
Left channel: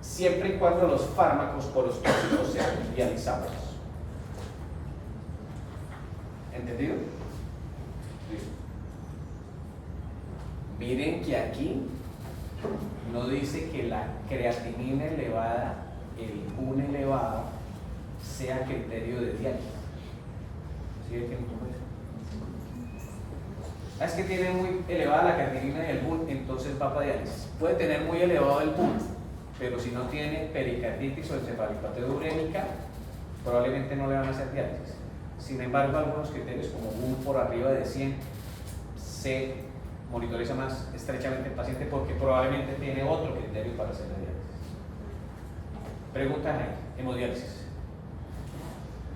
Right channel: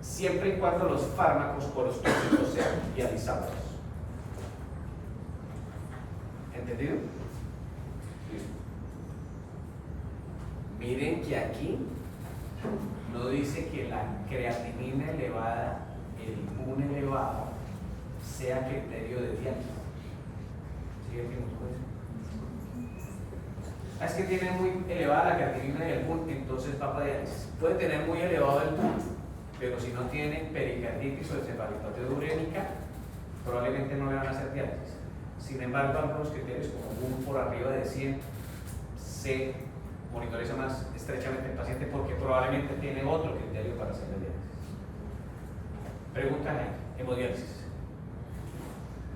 siempre y cuando los fármacos o los tóxicos sean dializados. ¿Entendido? Listo. Miren que aquí no dice que la creatinina elevada, el PUN elevado, sea criterio de diálisis. ¿Sí ve que no? Es que tiene muy elevada la creatinina y el PUN, entonces va para diálisis. Puede tener muy elevado el PUN, pero si no tiene pericarditis o encefalopatía urémica, probablemente no le van a hacer diálisis. Sin embargo, algunos criterios como PUN por arriba de 100 se monitoriza más estrechamente el paciente porque probablemente tiene otro criterio para hacer la diálisis. Pregunta ahí, hemodiálisis.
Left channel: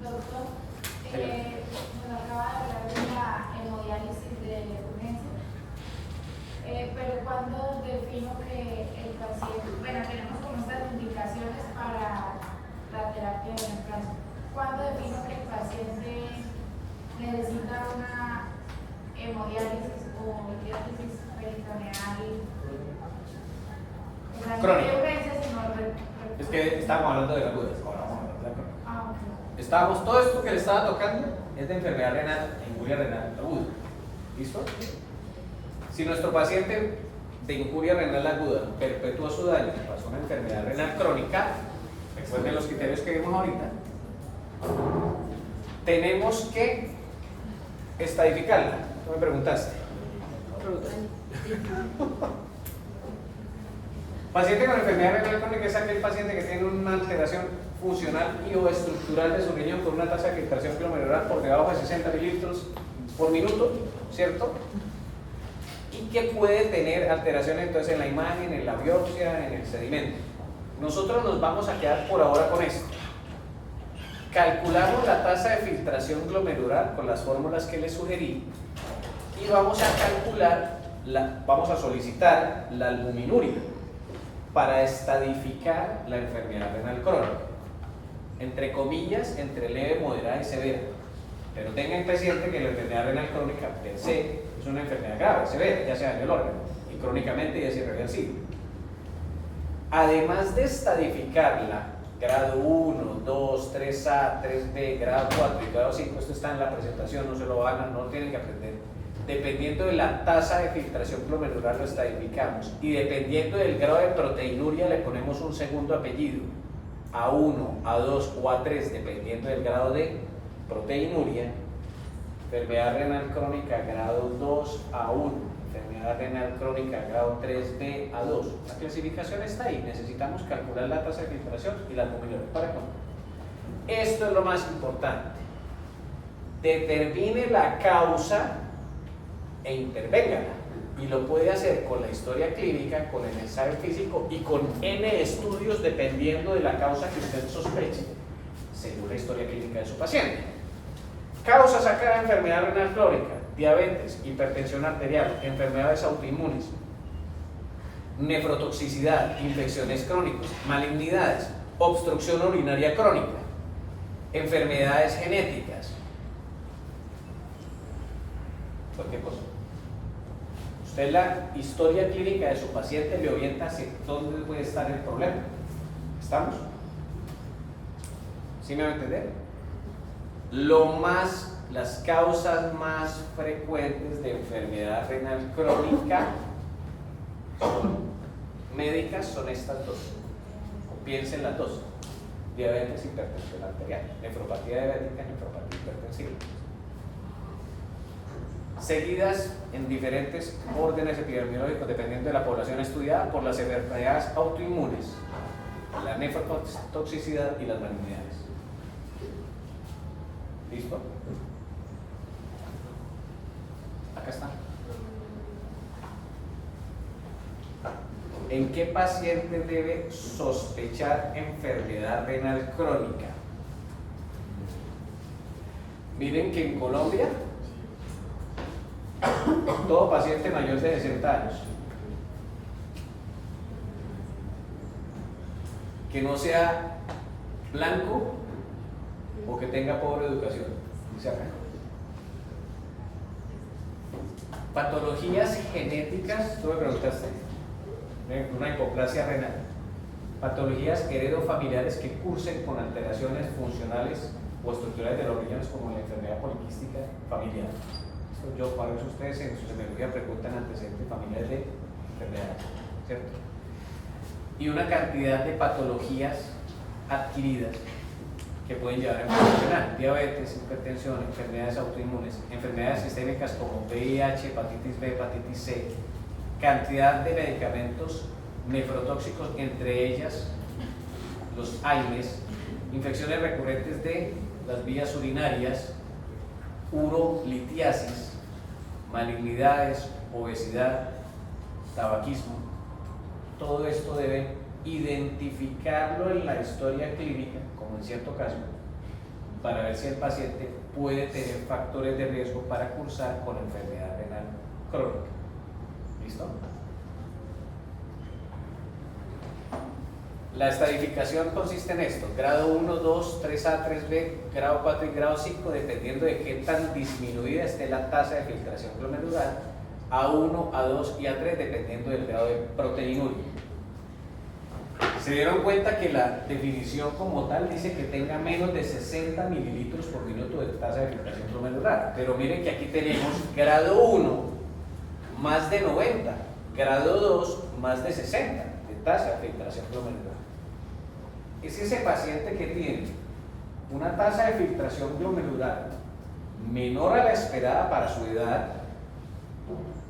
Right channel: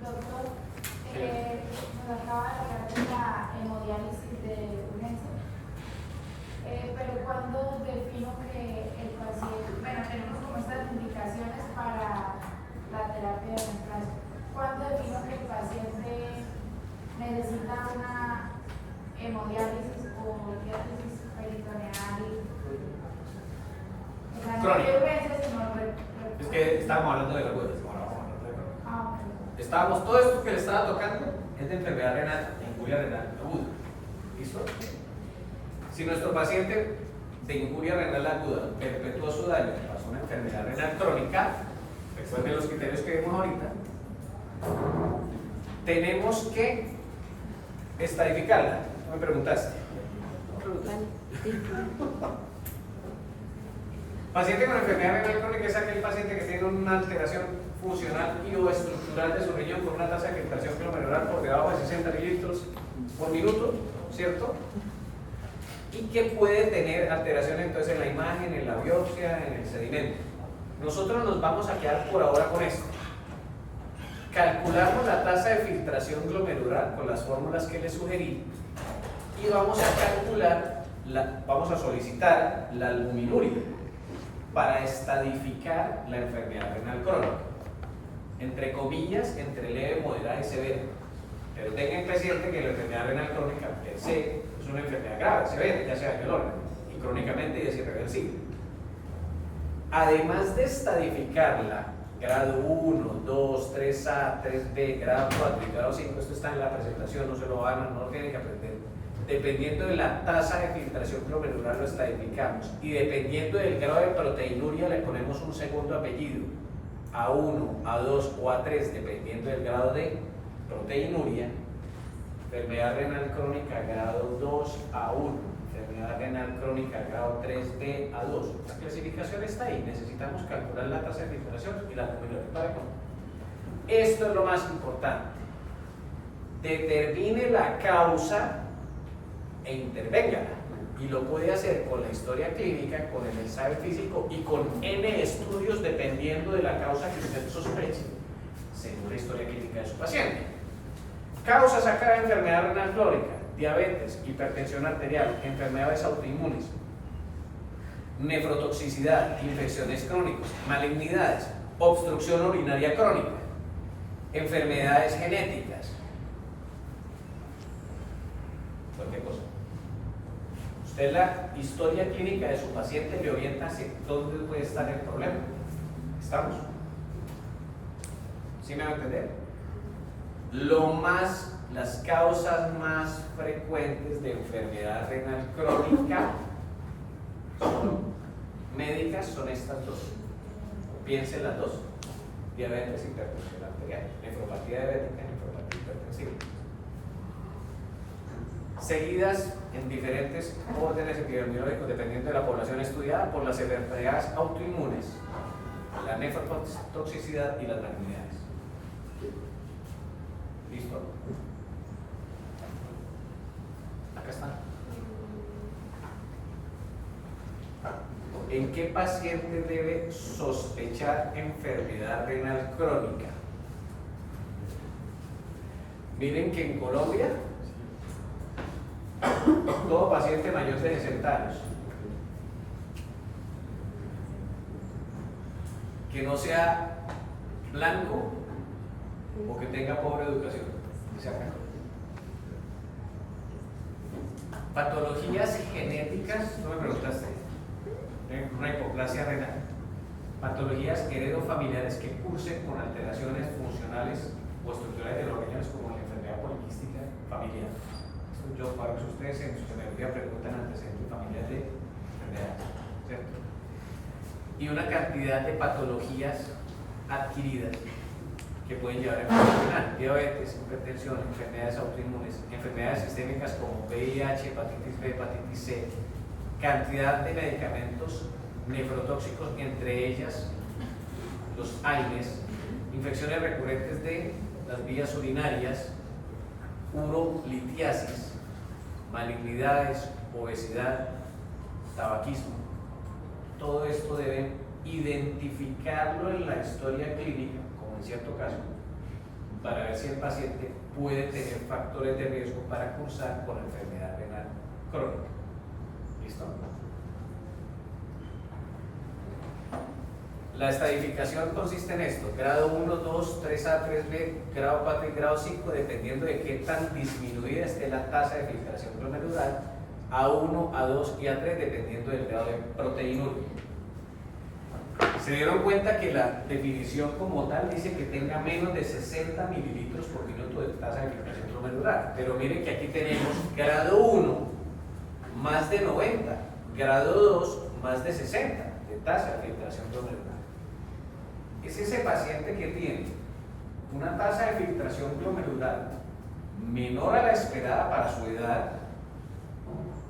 Doctor, nos acaba de hablar de la hemodiálisis de urgencia, pero cuando defino que el paciente, bueno, tenemos como estas indicaciones para la terapia de reemplazo, ¿cuándo defino que el paciente necesita una hemodiálisis o diálisis peritoneal? Crónica. Es Es que estábamos hablando de la duda. Estábamos, todo esto que le estaba tocando es de enfermedad renal, incuria renal aguda. ¿Listo? Si nuestro paciente de incuria renal aguda perpetúa su daño tras una enfermedad renal crónica, después de los criterios que vimos ahorita, tenemos que estadificarla. ¿No me preguntaste? ¿No me preguntaste? Paciente con enfermedad renal crónica es aquel paciente que tiene una alteración funcional y o estructural de su riñón con una tasa de filtración glomerular por debajo de 60 mililitros por minuto, ¿cierto? Y que puede tener alteraciones entonces en la imagen, en la biopsia, en el sedimento. Nosotros nos vamos a quedar por ahora con esto. Calculamos la tasa de filtración glomerular con las fórmulas que les sugerí y vamos a calcular, vamos a solicitar la albuminuria para estadificar la enfermedad renal crónica. Entre comillas, entre leve, moderada y severa. Pero tengan presente que la enfermedad renal crónica per se es una enfermedad grave, severa, ya sea en el órgano, y crónicamente ya es irreversible. Además de estadificarla, grado 1, 2, 3A, 3B, grado 4 y grado 5, esto está en la presentación, no se lo hagan, no lo tienen que aprender. Dependiendo de la tasa de filtración glomerular lo estadificamos y dependiendo del grado de proteinuria le ponemos un segundo apellido, A1, A2 o A3, dependiendo del grado de proteinuria. Enfermedad renal crónica grado 2 A1, enfermedad renal crónica grado 3B A2. La clasificación está ahí, necesitamos calcular la tasa de filtración y la albuminuria para cómo. Esto es lo más importante. Determine la causa e intervenga, y lo puede hacer con la historia clínica, con el ensayo físico y con N estudios dependiendo de la causa que usted sospeche según la historia clínica de su paciente. Causas acá de enfermedad renal crónica: diabetes, hipertensión arterial, enfermedades autoinmunes, nefrotoxicidad, infecciones crónicas, malignidades, obstrucción urinaria crónica, enfermedades genéticas. Cualquier cosa. Usted la historia clínica de su paciente le orienta hacia dónde puede estar el problema. ¿Estamos? ¿Sí me va a entender? Las causas más frecuentes de enfermedad renal crónica médicas son estas dos. Piensen las dos: diabetes, hipertensión arterial, nefropatía diabética, nefropatía hipertensiva. Seguidas en diferentes órdenes epidemiológicos dependiendo de la población estudiada por las enfermedades autoinmunes, la nefrotoxicidad y las malignidades. ¿Listo? Acá está. ¿En qué paciente debe sospechar enfermedad renal crónica? Miren que en Colombia todo paciente mayor de 60 años que no sea blanco o que tenga pobre educación. Patologías genéticas, tú me preguntaste, una hipoplasia renal, patologías heredofamiliares que cursen con alteraciones funcionales o estructurales de los riñones, como la enfermedad poliquística familiar. Yo para que ustedes en su secretaría preguntan antecedentes familiares de enfermedades, ¿cierto? Y una cantidad de patologías adquiridas que pueden llevar a enfermedad renal: diabetes, hipertensión, enfermedades autoinmunes, enfermedades sistémicas como VIH, hepatitis B, hepatitis C, cantidad de medicamentos nefrotóxicos, entre ellas los AINES, infecciones recurrentes de las vías urinarias, urolitiasis, malignidades, obesidad, tabaquismo. Todo esto debe identificarlo en la historia clínica, como en cierto caso, para ver si el paciente puede tener factores de riesgo para cursar con enfermedad renal crónica. ¿Listo? La estadificación consiste en esto: grado 1, 2, 3A, 3B, grado 4 y grado 5, dependiendo de qué tan disminuida esté la tasa de filtración glomerular, A1, A2 y A3, dependiendo del grado de proteinuria. Se dieron cuenta que la definición como tal dice que tenga menos de 60 mililitros por minuto de tasa de filtración glomerular, pero miren que aquí tenemos grado 1 más de 90, grado 2 más de 60 de tasa de filtración glomerular. Es ese paciente que tiene una tasa de filtración glomerular menor a la esperada para su edad,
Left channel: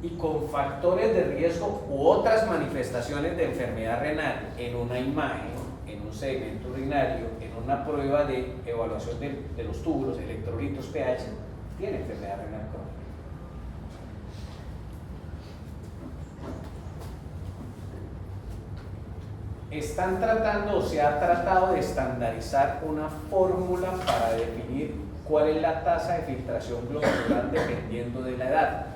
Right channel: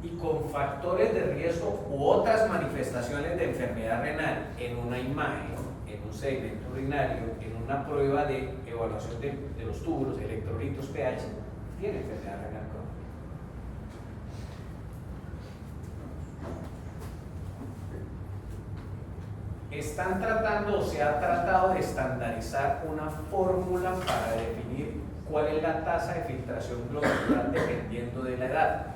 y con factores de riesgo u otras manifestaciones de enfermedad renal en una imagen, en un segmento urinario, en una prueba de evaluación de los túbulos, electrolitos, pH, tiene enfermedad renal crónica. Están tratando o se ha tratado de estandarizar una fórmula para definir cuál es la tasa de filtración glomerular dependiendo de la edad.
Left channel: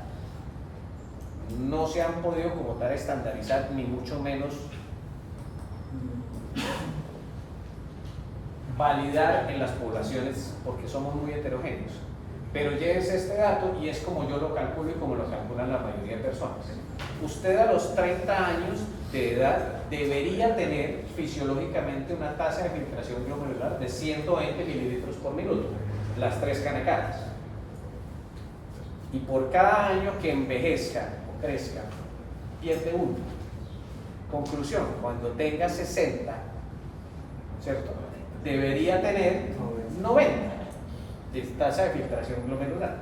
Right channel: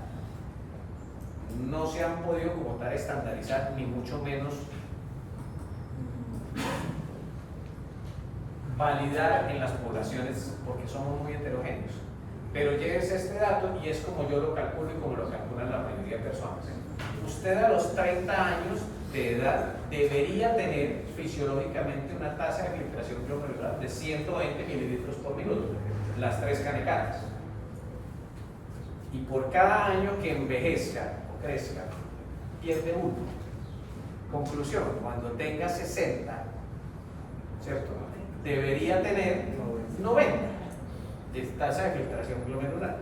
No se han podido como tal estandarizar, ni mucho menos validar en las poblaciones porque somos muy heterogéneos. Pero llévese este dato y es como yo lo calculo y como lo calculan la mayoría de personas. Usted a los 30 años de edad debería tener fisiológicamente una tasa de filtración glomerular de 120 mililitros por minuto, las 3 canecadas. Y por cada año que envejezca o crezca, pierde 1. Conclusión, cuando tenga 60, ¿cierto? Debería tener 90 de tasa de filtración glomerular.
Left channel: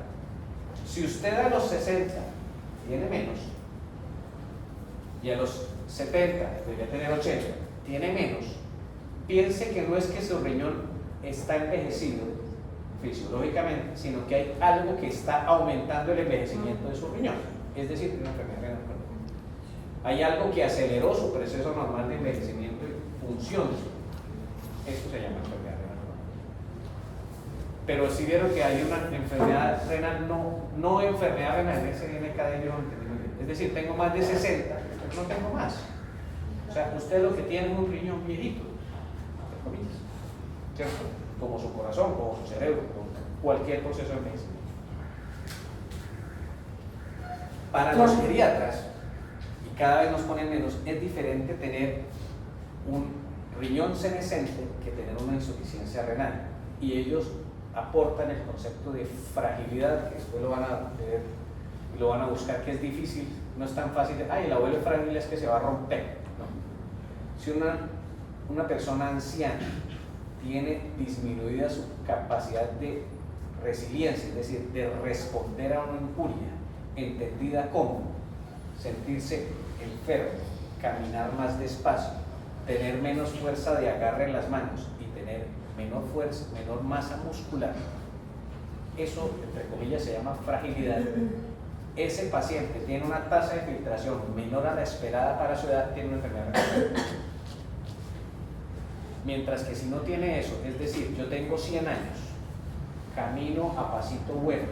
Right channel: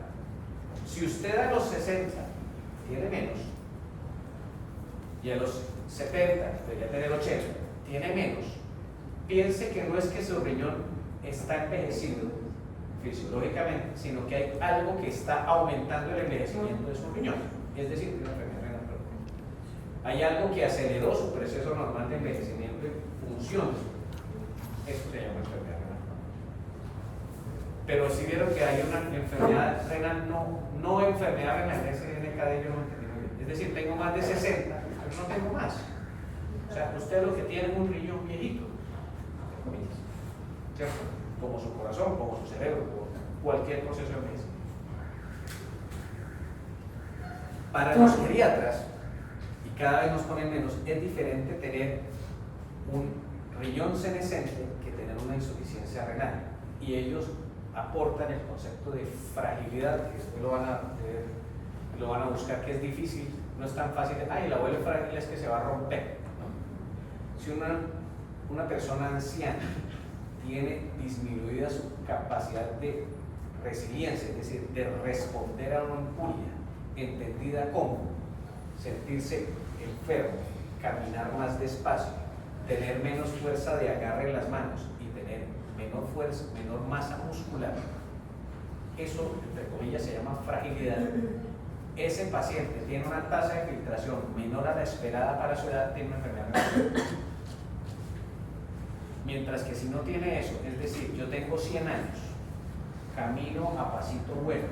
Si usted a los 60 tiene menos, y a los 70 debería tener 80, tiene menos, piense que no es que su riñón está envejecido fisiológicamente, sino que hay algo que está aumentando el envejecimiento de su riñón, es decir, una enfermedad renal crónica. Hay algo que aceleró su proceso normal de envejecimiento y función. Esto se llama enfermedad renal crónica. Pero si vieron que hay una enfermedad renal, no enfermedad renal, SNKD, yo no entendí muy bien. Es decir, tengo más de 60, pero no tengo más. O sea, usted lo que tiene es un riñón viejito, ¿cierto? Como su corazón, como su cerebro, como cualquier proceso de envejecimiento. Para los geriatras, y cada vez nos ponen menos, es diferente tener un riñón senescente que tener una insuficiencia renal. Y ellos aportan el concepto de fragilidad, que después lo van a ver, lo van a buscar, que es difícil, no es tan fácil. Ay, el abuelo frágil es que se va a romper. No. Si una persona anciana tiene disminuida su capacidad de resiliencia, es decir, de responder a una injuria, entendida como sentirse enfermo, caminar más despacio, tener menos fuerza de agarre en las manos y tener menor fuerza, menor masa muscular, eso, entre comillas, se llama fragilidad. Ese paciente tiene una tasa de filtración menor a la esperada para su edad, tiene una enfermedad renal. Mientras que si no tiene eso, es decir, yo tengo 100 años, camino a pasito bueno,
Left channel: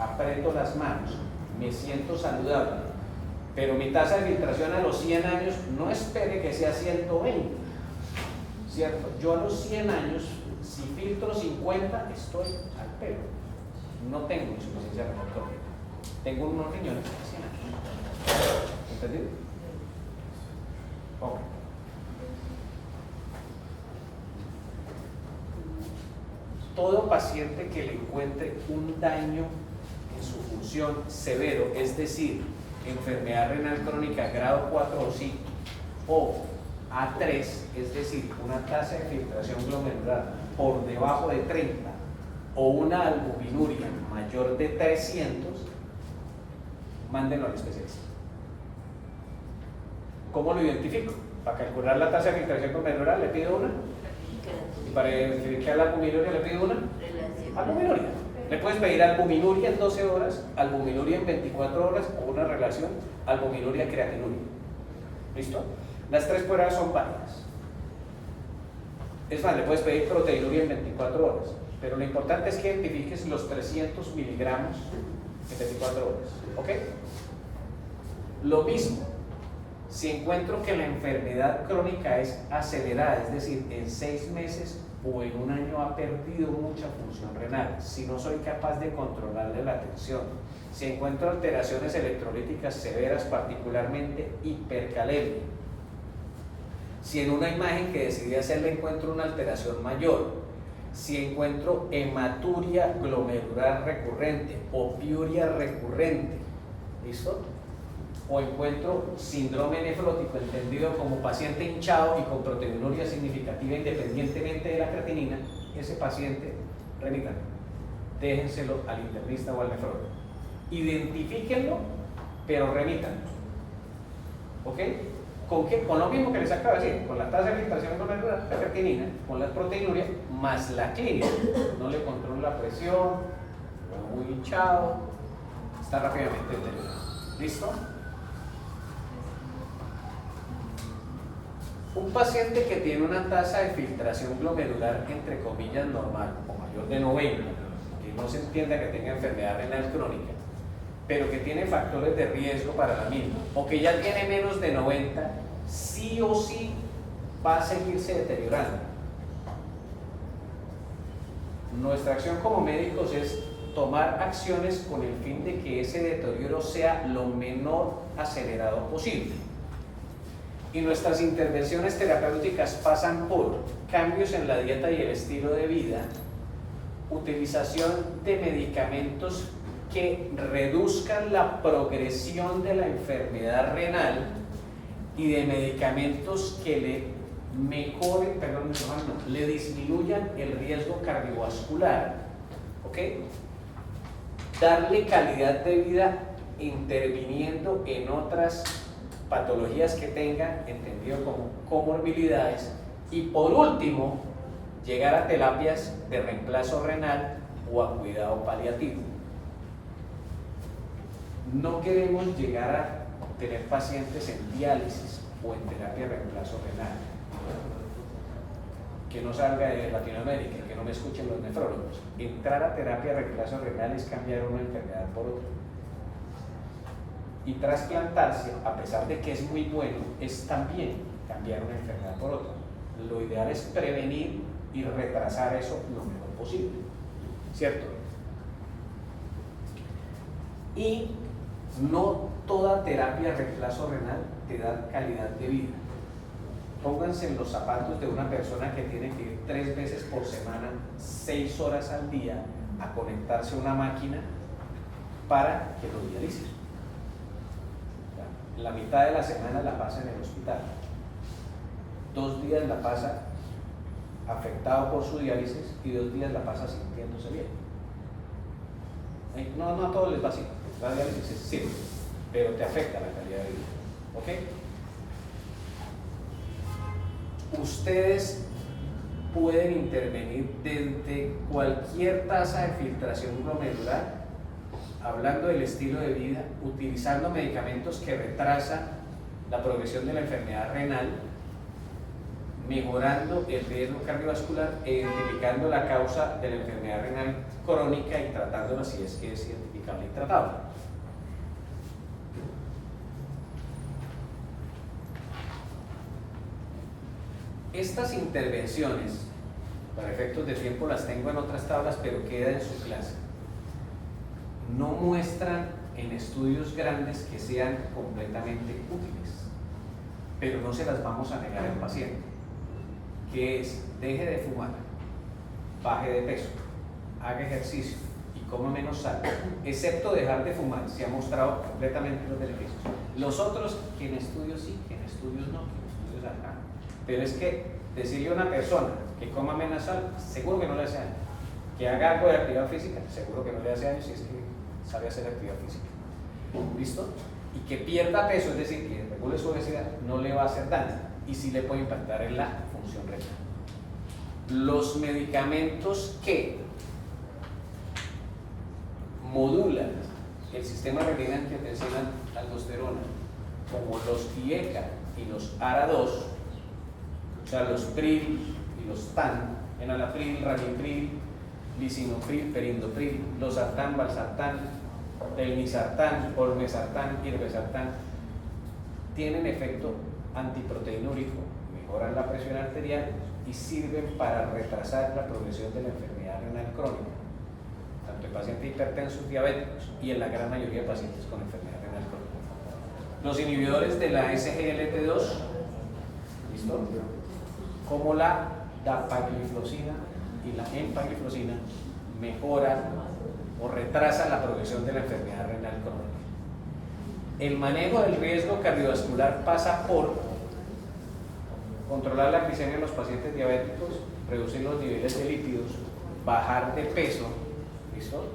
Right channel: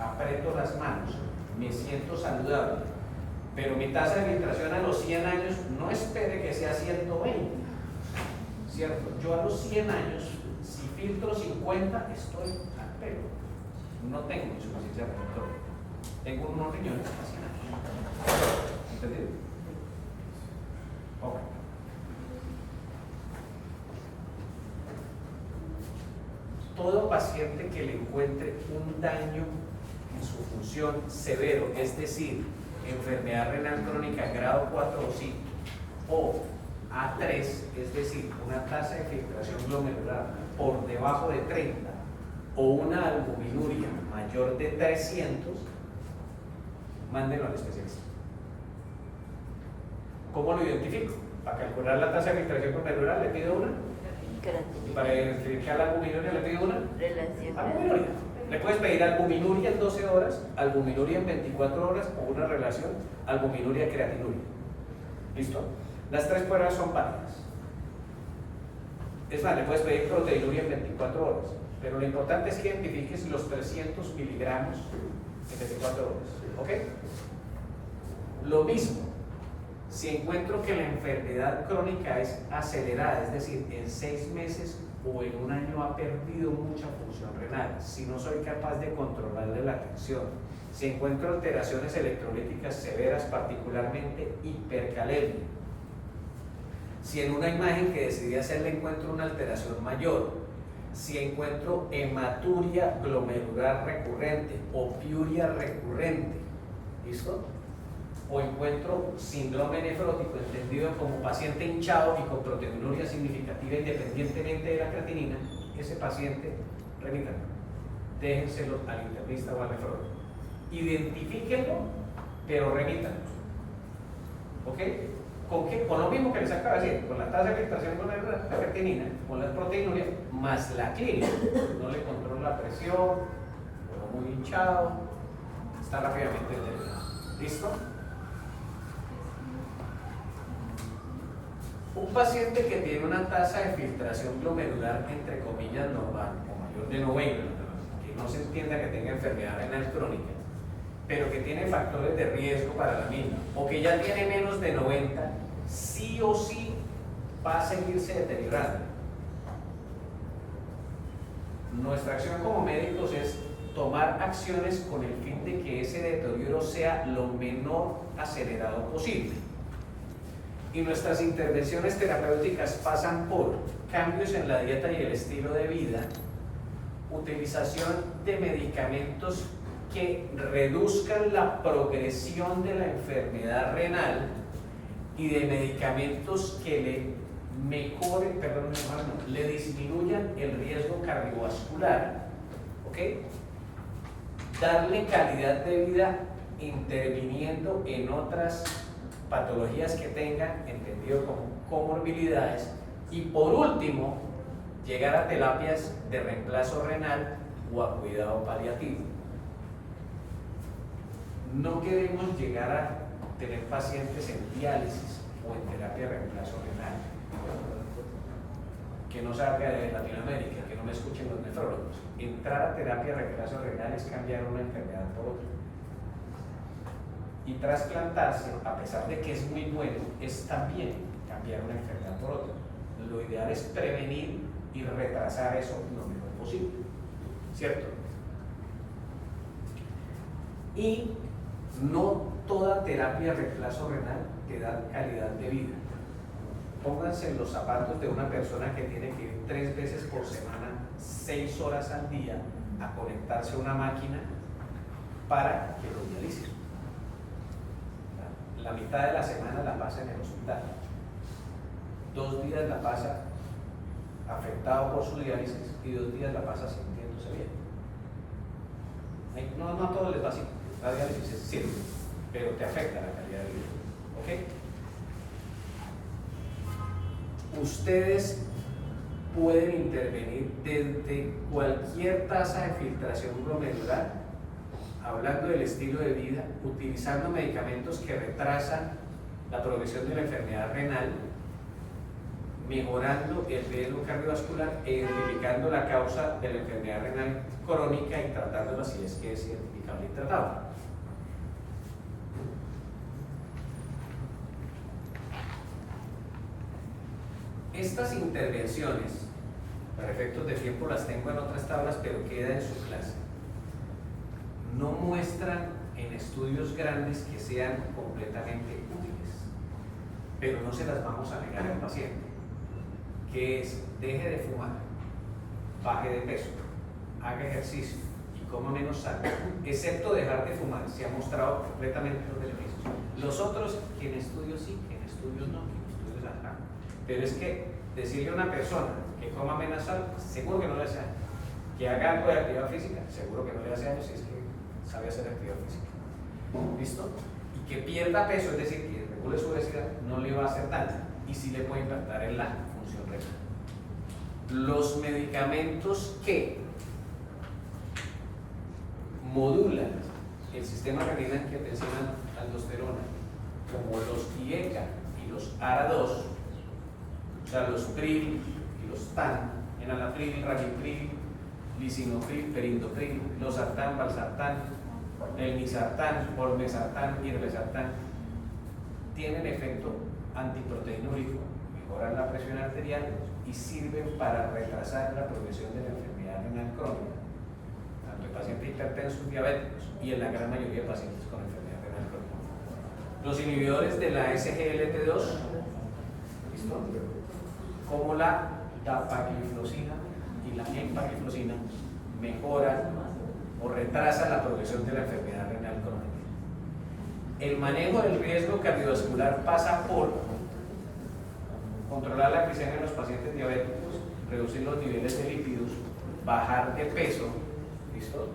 aprieto las manos, me siento saludable, pero mi tasa de filtración a los 100 años no espere que sea 120, ¿cierto? Yo a los 100 años, si filtro 50, estoy al pelo, no tengo insuficiencia renal crónica, tengo unos riñones a 100 años. ¿Entendido? Okay. Todo paciente que le encuentre un daño en su función severo, es decir, enfermedad renal crónica grado 4 o 5, o A3, es decir, una tasa de filtración glomerular por debajo de 30, o una albuminuria mayor de 300, mándenlo al especialista. ¿Cómo lo identifico? Para calcular la tasa de filtración glomerular le pido una. Y para identificar la albuminuria le pido una albuminuria. Le puedes pedir albuminuria en 12 horas, albuminuria en 24 horas o una relación albuminuria-creatinuria. ¿Listo? Las 3 pruebas son válidas. Es más, le puedes pedir proteinuria en 24 horas, pero lo importante es que identifiques los 300 miligramos en 24 horas. ¿Ok? Lo mismo. Si encuentro que la enfermedad crónica es acelerada, es decir, en 6 meses o en un año ha perdido mucha función renal, si no soy capaz de controlarle la tensión, si encuentro alteraciones electrolíticas severas, particularmente hipercalemia, si en una imagen que decidí hacerle encuentro una alteración mayor, si encuentro hematuria glomerular recurrente o piuria recurrente, ¿listo? O encuentro síndrome nefrótico, entendido como paciente hinchado y con proteinuria significativa independientemente de la creatinina, ese paciente, remítanlo, déjenselo al internista o al nefrólogo. Identifíquenlo pero remítanos. ¿Ok? ¿Con qué? Con lo mismo que les acabo de decir, con la tasa de filtración glomerular, la ferritinina, con las proteínuria, más la clínica. No le controla la presión, o muy hinchado, está rápidamente deteriorado. ¿Listo? Un paciente que tiene una tasa de filtración glomerular, entre comillas, normal, o mayor de 90, que no se entienda que tenga enfermedad renal crónica, pero que tiene factores de riesgo para la misma, o que ya tiene menos de 90, sí o sí va a seguirse deteriorando. Nuestra acción como médicos es tomar acciones con el fin de que ese deterioro sea lo menor acelerado posible. Y nuestras intervenciones terapéuticas pasan por cambios en la dieta y el estilo de vida, utilización de medicamentos que reduzcan la progresión de la enfermedad renal y de medicamentos que le disminuyan el riesgo cardiovascular, ¿ok? Darle calidad de vida interviniendo en otras patologías que tengan, entendido como comorbilidades, y por último, llegar a terapias de reemplazo renal o a cuidado paliativo. No queremos llegar a tener pacientes en diálisis o en terapia de reemplazo renal. Que no salga de Latinoamérica, que no me escuchen los nefrólogos. Entrar a terapia de reemplazo renal es cambiar una enfermedad por otra. Y trasplantarse, a pesar de que es muy bueno, es también cambiar una enfermedad por otra. Lo ideal es prevenir y retrasar eso lo mejor posible, ¿cierto? Y no toda terapia de reemplazo renal te da calidad de vida. Pónganse en los zapatos de una persona que tiene que ir 3 veces por semana, 6 horas al día, a conectarse a una máquina para que lo dialicen. La mitad de la semana la pasa en el hospital, 2 días la pasa afectado por su diálisis y 2 días la pasa sintiéndose bien. No a todos les va así, la diálisis es simple, pero te afecta la calidad de vida. ¿Ok? Ustedes pueden intervenir desde cualquier tasa de filtración glomerular, hablando del estilo de vida, utilizando medicamentos que retrasan la progresión de la enfermedad renal, mejorando el riesgo cardiovascular e identificando la causa de la enfermedad renal crónica y tratándola si es que es identificable y tratable. Estas intervenciones, para efectos de tiempo las tengo en otras tablas, pero queda en su clase. No muestran en estudios grandes que sean completamente útiles, pero no se las vamos a negar al paciente, que es: deje de fumar, baje de peso, haga ejercicio y coma menos sal. Excepto dejar de fumar, se ha mostrado completamente los beneficios. Los otros, que en estudios sí, que en estudios no, que en estudios acá. Pero es que decirle a una persona que coma menos sal, seguro que no le hace daño. Que haga algo de actividad física, seguro que no le hace daño si es que sabe hacer actividad física. ¿Listo? Y que pierda peso, es decir, que regule su obesidad, no le va a hacer daño y sí le puede impactar en la función renal. Los medicamentos que modulan el sistema renina-angiotensina aldosterona, como los IECA y los ARA2, o sea, los PRIL y los TAN, enalapril, ramipril, lisinopril, perindopril, losartán, valsartán, elmisartán, olmesartán y irbesartán, tienen efecto antiproteinúrico, mejoran la presión arterial y sirven para retrasar la progresión de la enfermedad renal crónica, tanto en pacientes hipertensos, diabéticos y en la gran mayoría de pacientes con enfermedad renal crónica. Los inhibidores de la SGLT2, ¿listo?, como la dapagliflozina y la empagliflozina, mejoran o retrasan la progresión de la enfermedad renal crónica. El manejo del riesgo cardiovascular pasa por controlar la glicemia en los pacientes diabéticos, reducir los niveles de lípidos, bajar de peso, ¿listo?,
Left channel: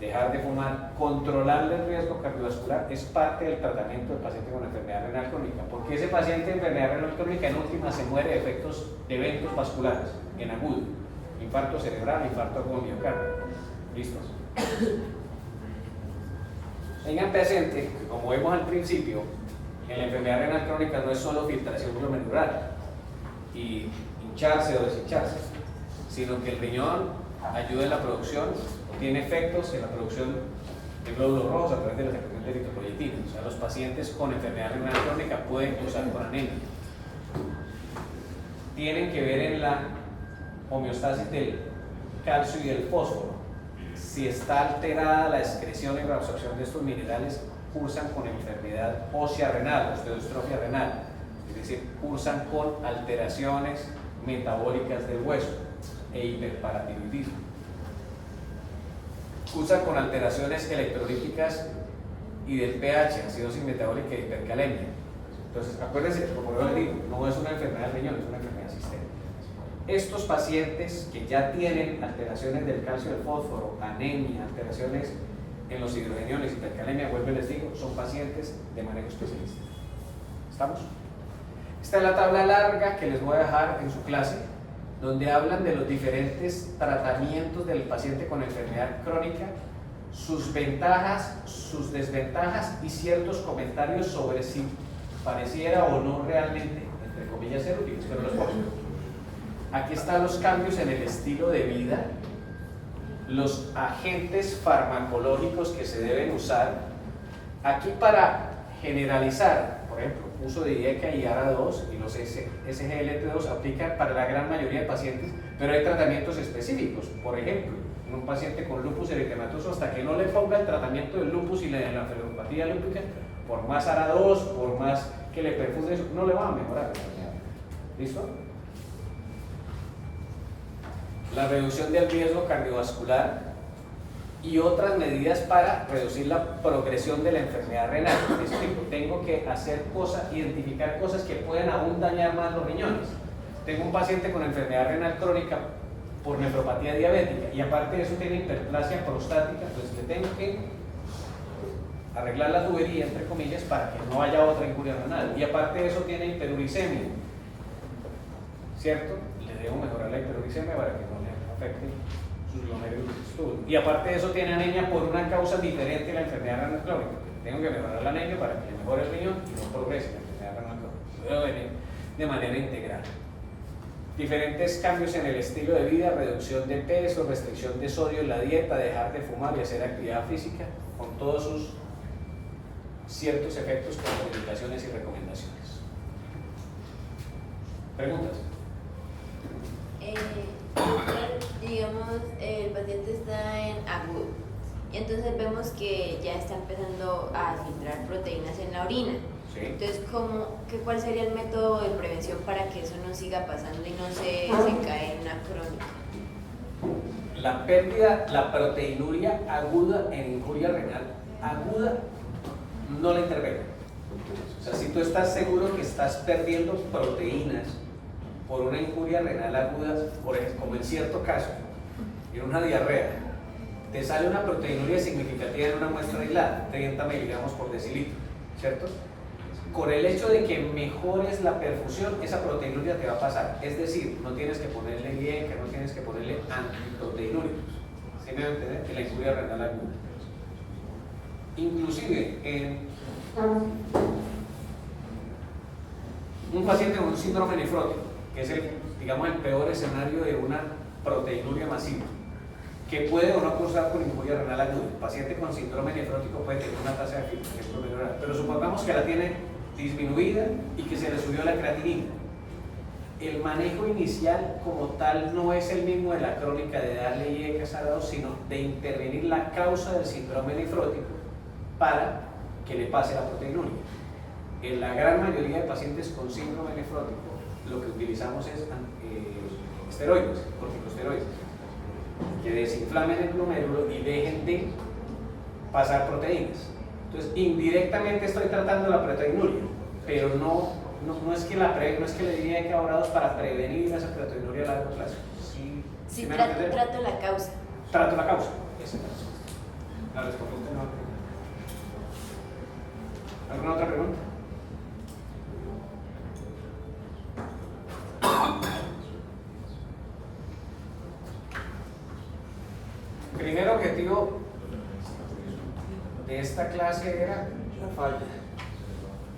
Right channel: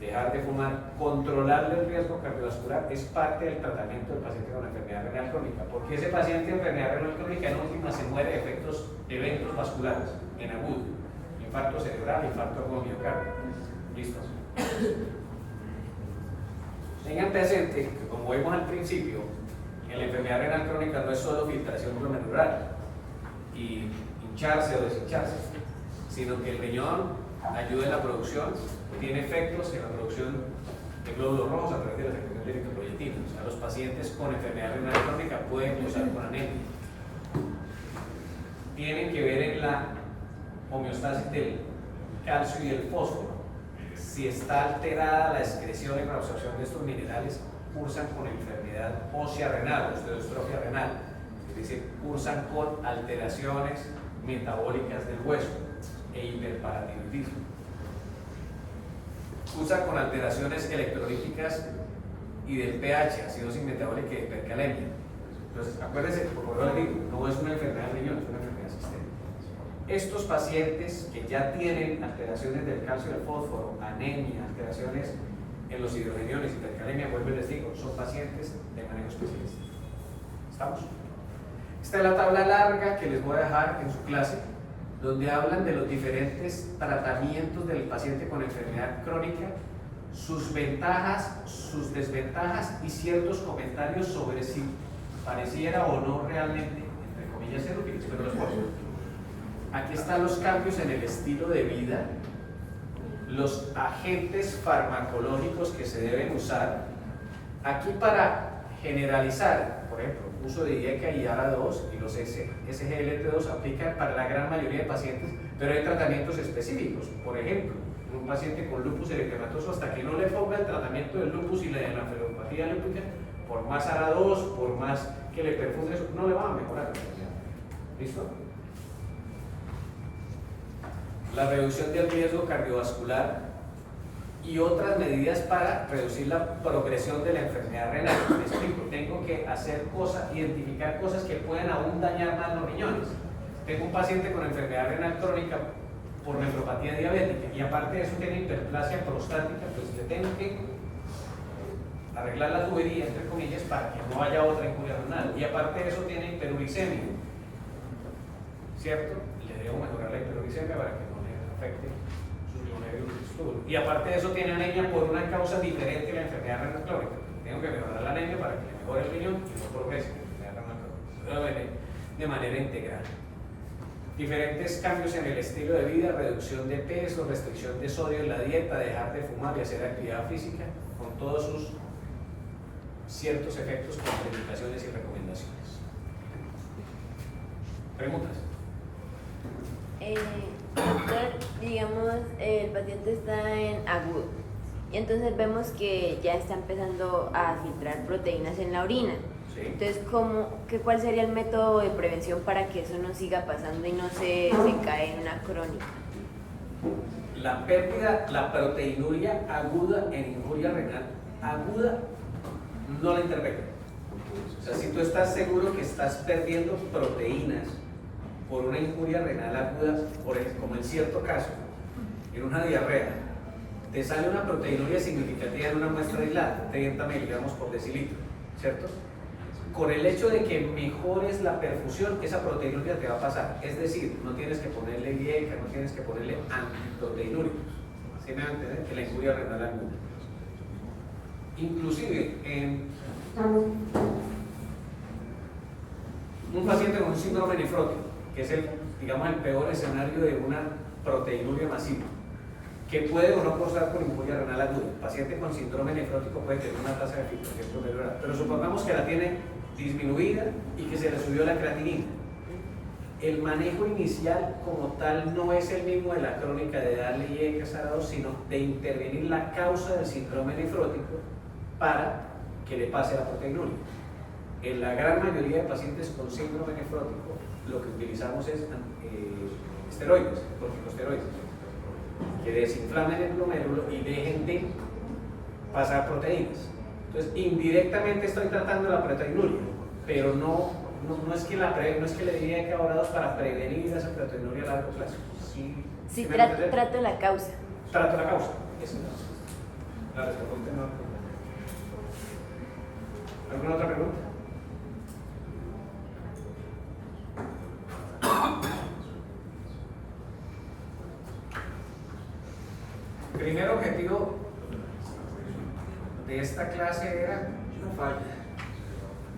dejar de fumar, controlar el riesgo cardiovascular es parte del tratamiento del paciente con enfermedad renal crónica, porque ese paciente de enfermedad renal crónica en última se muere de eventos vasculares en agudo, infarto cerebral, infarto con miocardio. ¿Listos? Tengan presente que, como vimos al principio, en la enfermedad renal crónica no es solo filtración glomerular y hincharse o deshincharse, sino que el riñón ayuda en la producción, tiene efectos en la producción de glóbulos rojos a través de la secreción de eritropoyetina. O sea, los pacientes con enfermedad renal crónica pueden glosar con anemia. Tienen que ver en la homeostasis del calcio y del fósforo. Si está alterada la excreción y la absorción de estos minerales, cursan con enfermedad ósea renal, osteodistrofia renal, es decir, cursan con alteraciones metabólicas del hueso e hiperparatiroidismo. Cursan con alteraciones electrolíticas y del pH, acidosis metabólica y hipercalemia. Entonces, acuérdense, como les digo, no es una enfermedad de riñón, es una enfermedad sistémica. Estos pacientes que ya tienen alteraciones del calcio y del fósforo, anemia, alteraciones en los hidrogeniones, hipercalemia, vuelvo y les digo, son pacientes de manejo especialista. ¿Estamos? Esta es la tabla larga que les voy a dejar en su clase, donde hablan de los diferentes tratamientos del paciente con enfermedad crónica, sus ventajas, sus desventajas y ciertos comentarios sobre si pareciera o no realmente, entre comillas, ser útiles, pero los puedo. Aquí están los cambios en el estilo de vida, los agentes farmacológicos que se deben usar. Aquí para generalizar, por ejemplo, uso de IECA y ARA2 y los SGLT2 aplican para la gran mayoría de pacientes, pero hay tratamientos específicos. Por ejemplo, en un paciente con lupus eritematoso, hasta que no le ponga el tratamiento del lupus y la enfermopatía lúpica, por más ARA2, por más que le perfume eso, no le va a mejorar. ¿Listo? La reducción del riesgo cardiovascular y otras medidas para reducir la progresión de la enfermedad renal. Me explico, tengo que hacer cosas, identificar cosas que pueden aún dañar más los riñones. Tengo un paciente con enfermedad renal crónica por nefropatía diabética y aparte de eso tiene hiperplasia prostática, pues que tengo que arreglar la tubería, entre comillas, para que no haya otra injuria renal. Y aparte de eso tiene hiperuricemia, ¿cierto? Le debo mejorar la hiperuricemia para que no le afecte sus glomerulos. Y aparte de eso tiene anemia por una causa diferente a la enfermedad renal crónica. Tengo que mejorar la anemia para que mejore el riñón y no progrese la enfermedad renal crónica. De manera integral. Diferentes cambios en el estilo de vida, reducción de peso, restricción de sodio en la dieta, dejar de fumar y hacer actividad física, con todos sus ciertos efectos, contraindicaciones y recomendaciones. ¿Preguntas? Digamos, el paciente está en agudo y entonces vemos que ya está empezando a filtrar proteínas en la orina. Sí. Entonces, ¿cuál sería el método de prevención para que eso no siga pasando y no se cae en una crónica? La pérdida, la proteinuria aguda en injuria renal aguda no la intervengo. O sea, si tú estás seguro que estás perdiendo proteínas por una injuria renal aguda, por ejemplo, como en cierto caso, en una diarrea, te sale una proteinuria significativa en una muestra aislada, 30 miligramos por decilitro, ¿cierto? Con el hecho de que mejores la perfusión, esa proteinuria te va a pasar. Es decir, no tienes que ponerle IECA, no tienes que ponerle antiproteinúricos. ¿Sí me van a entender? Que la injuria renal aguda. Inclusive, en un paciente con un síndrome nefrótico, que es el, digamos, el peor escenario de una proteinuria masiva, que puede o no cursar con injuria renal aguda. El paciente con síndrome nefrótico puede tener una tasa de filtración glomerular, pero supongamos que la tiene disminuida y que se le subió la creatinina. El manejo inicial como tal no es el mismo de la crónica de darle IECA ARA2, sino de intervenir la causa del síndrome nefrótico para que le pase la proteinuria. En la gran mayoría de pacientes con síndrome nefrótico lo que utilizamos es esteroides, corticosteroides, que desinflamen el glomérulo y dejen de pasar proteínas. Entonces, indirectamente estoy tratando la proteinuria, pero no es que le diría que ahora para prevenir esa proteinuria a largo plazo. Sí, trato la causa. Trato la causa. Eso La respuesta no. ¿Alguna otra pregunta? El primer objetivo de esta clase era No falla.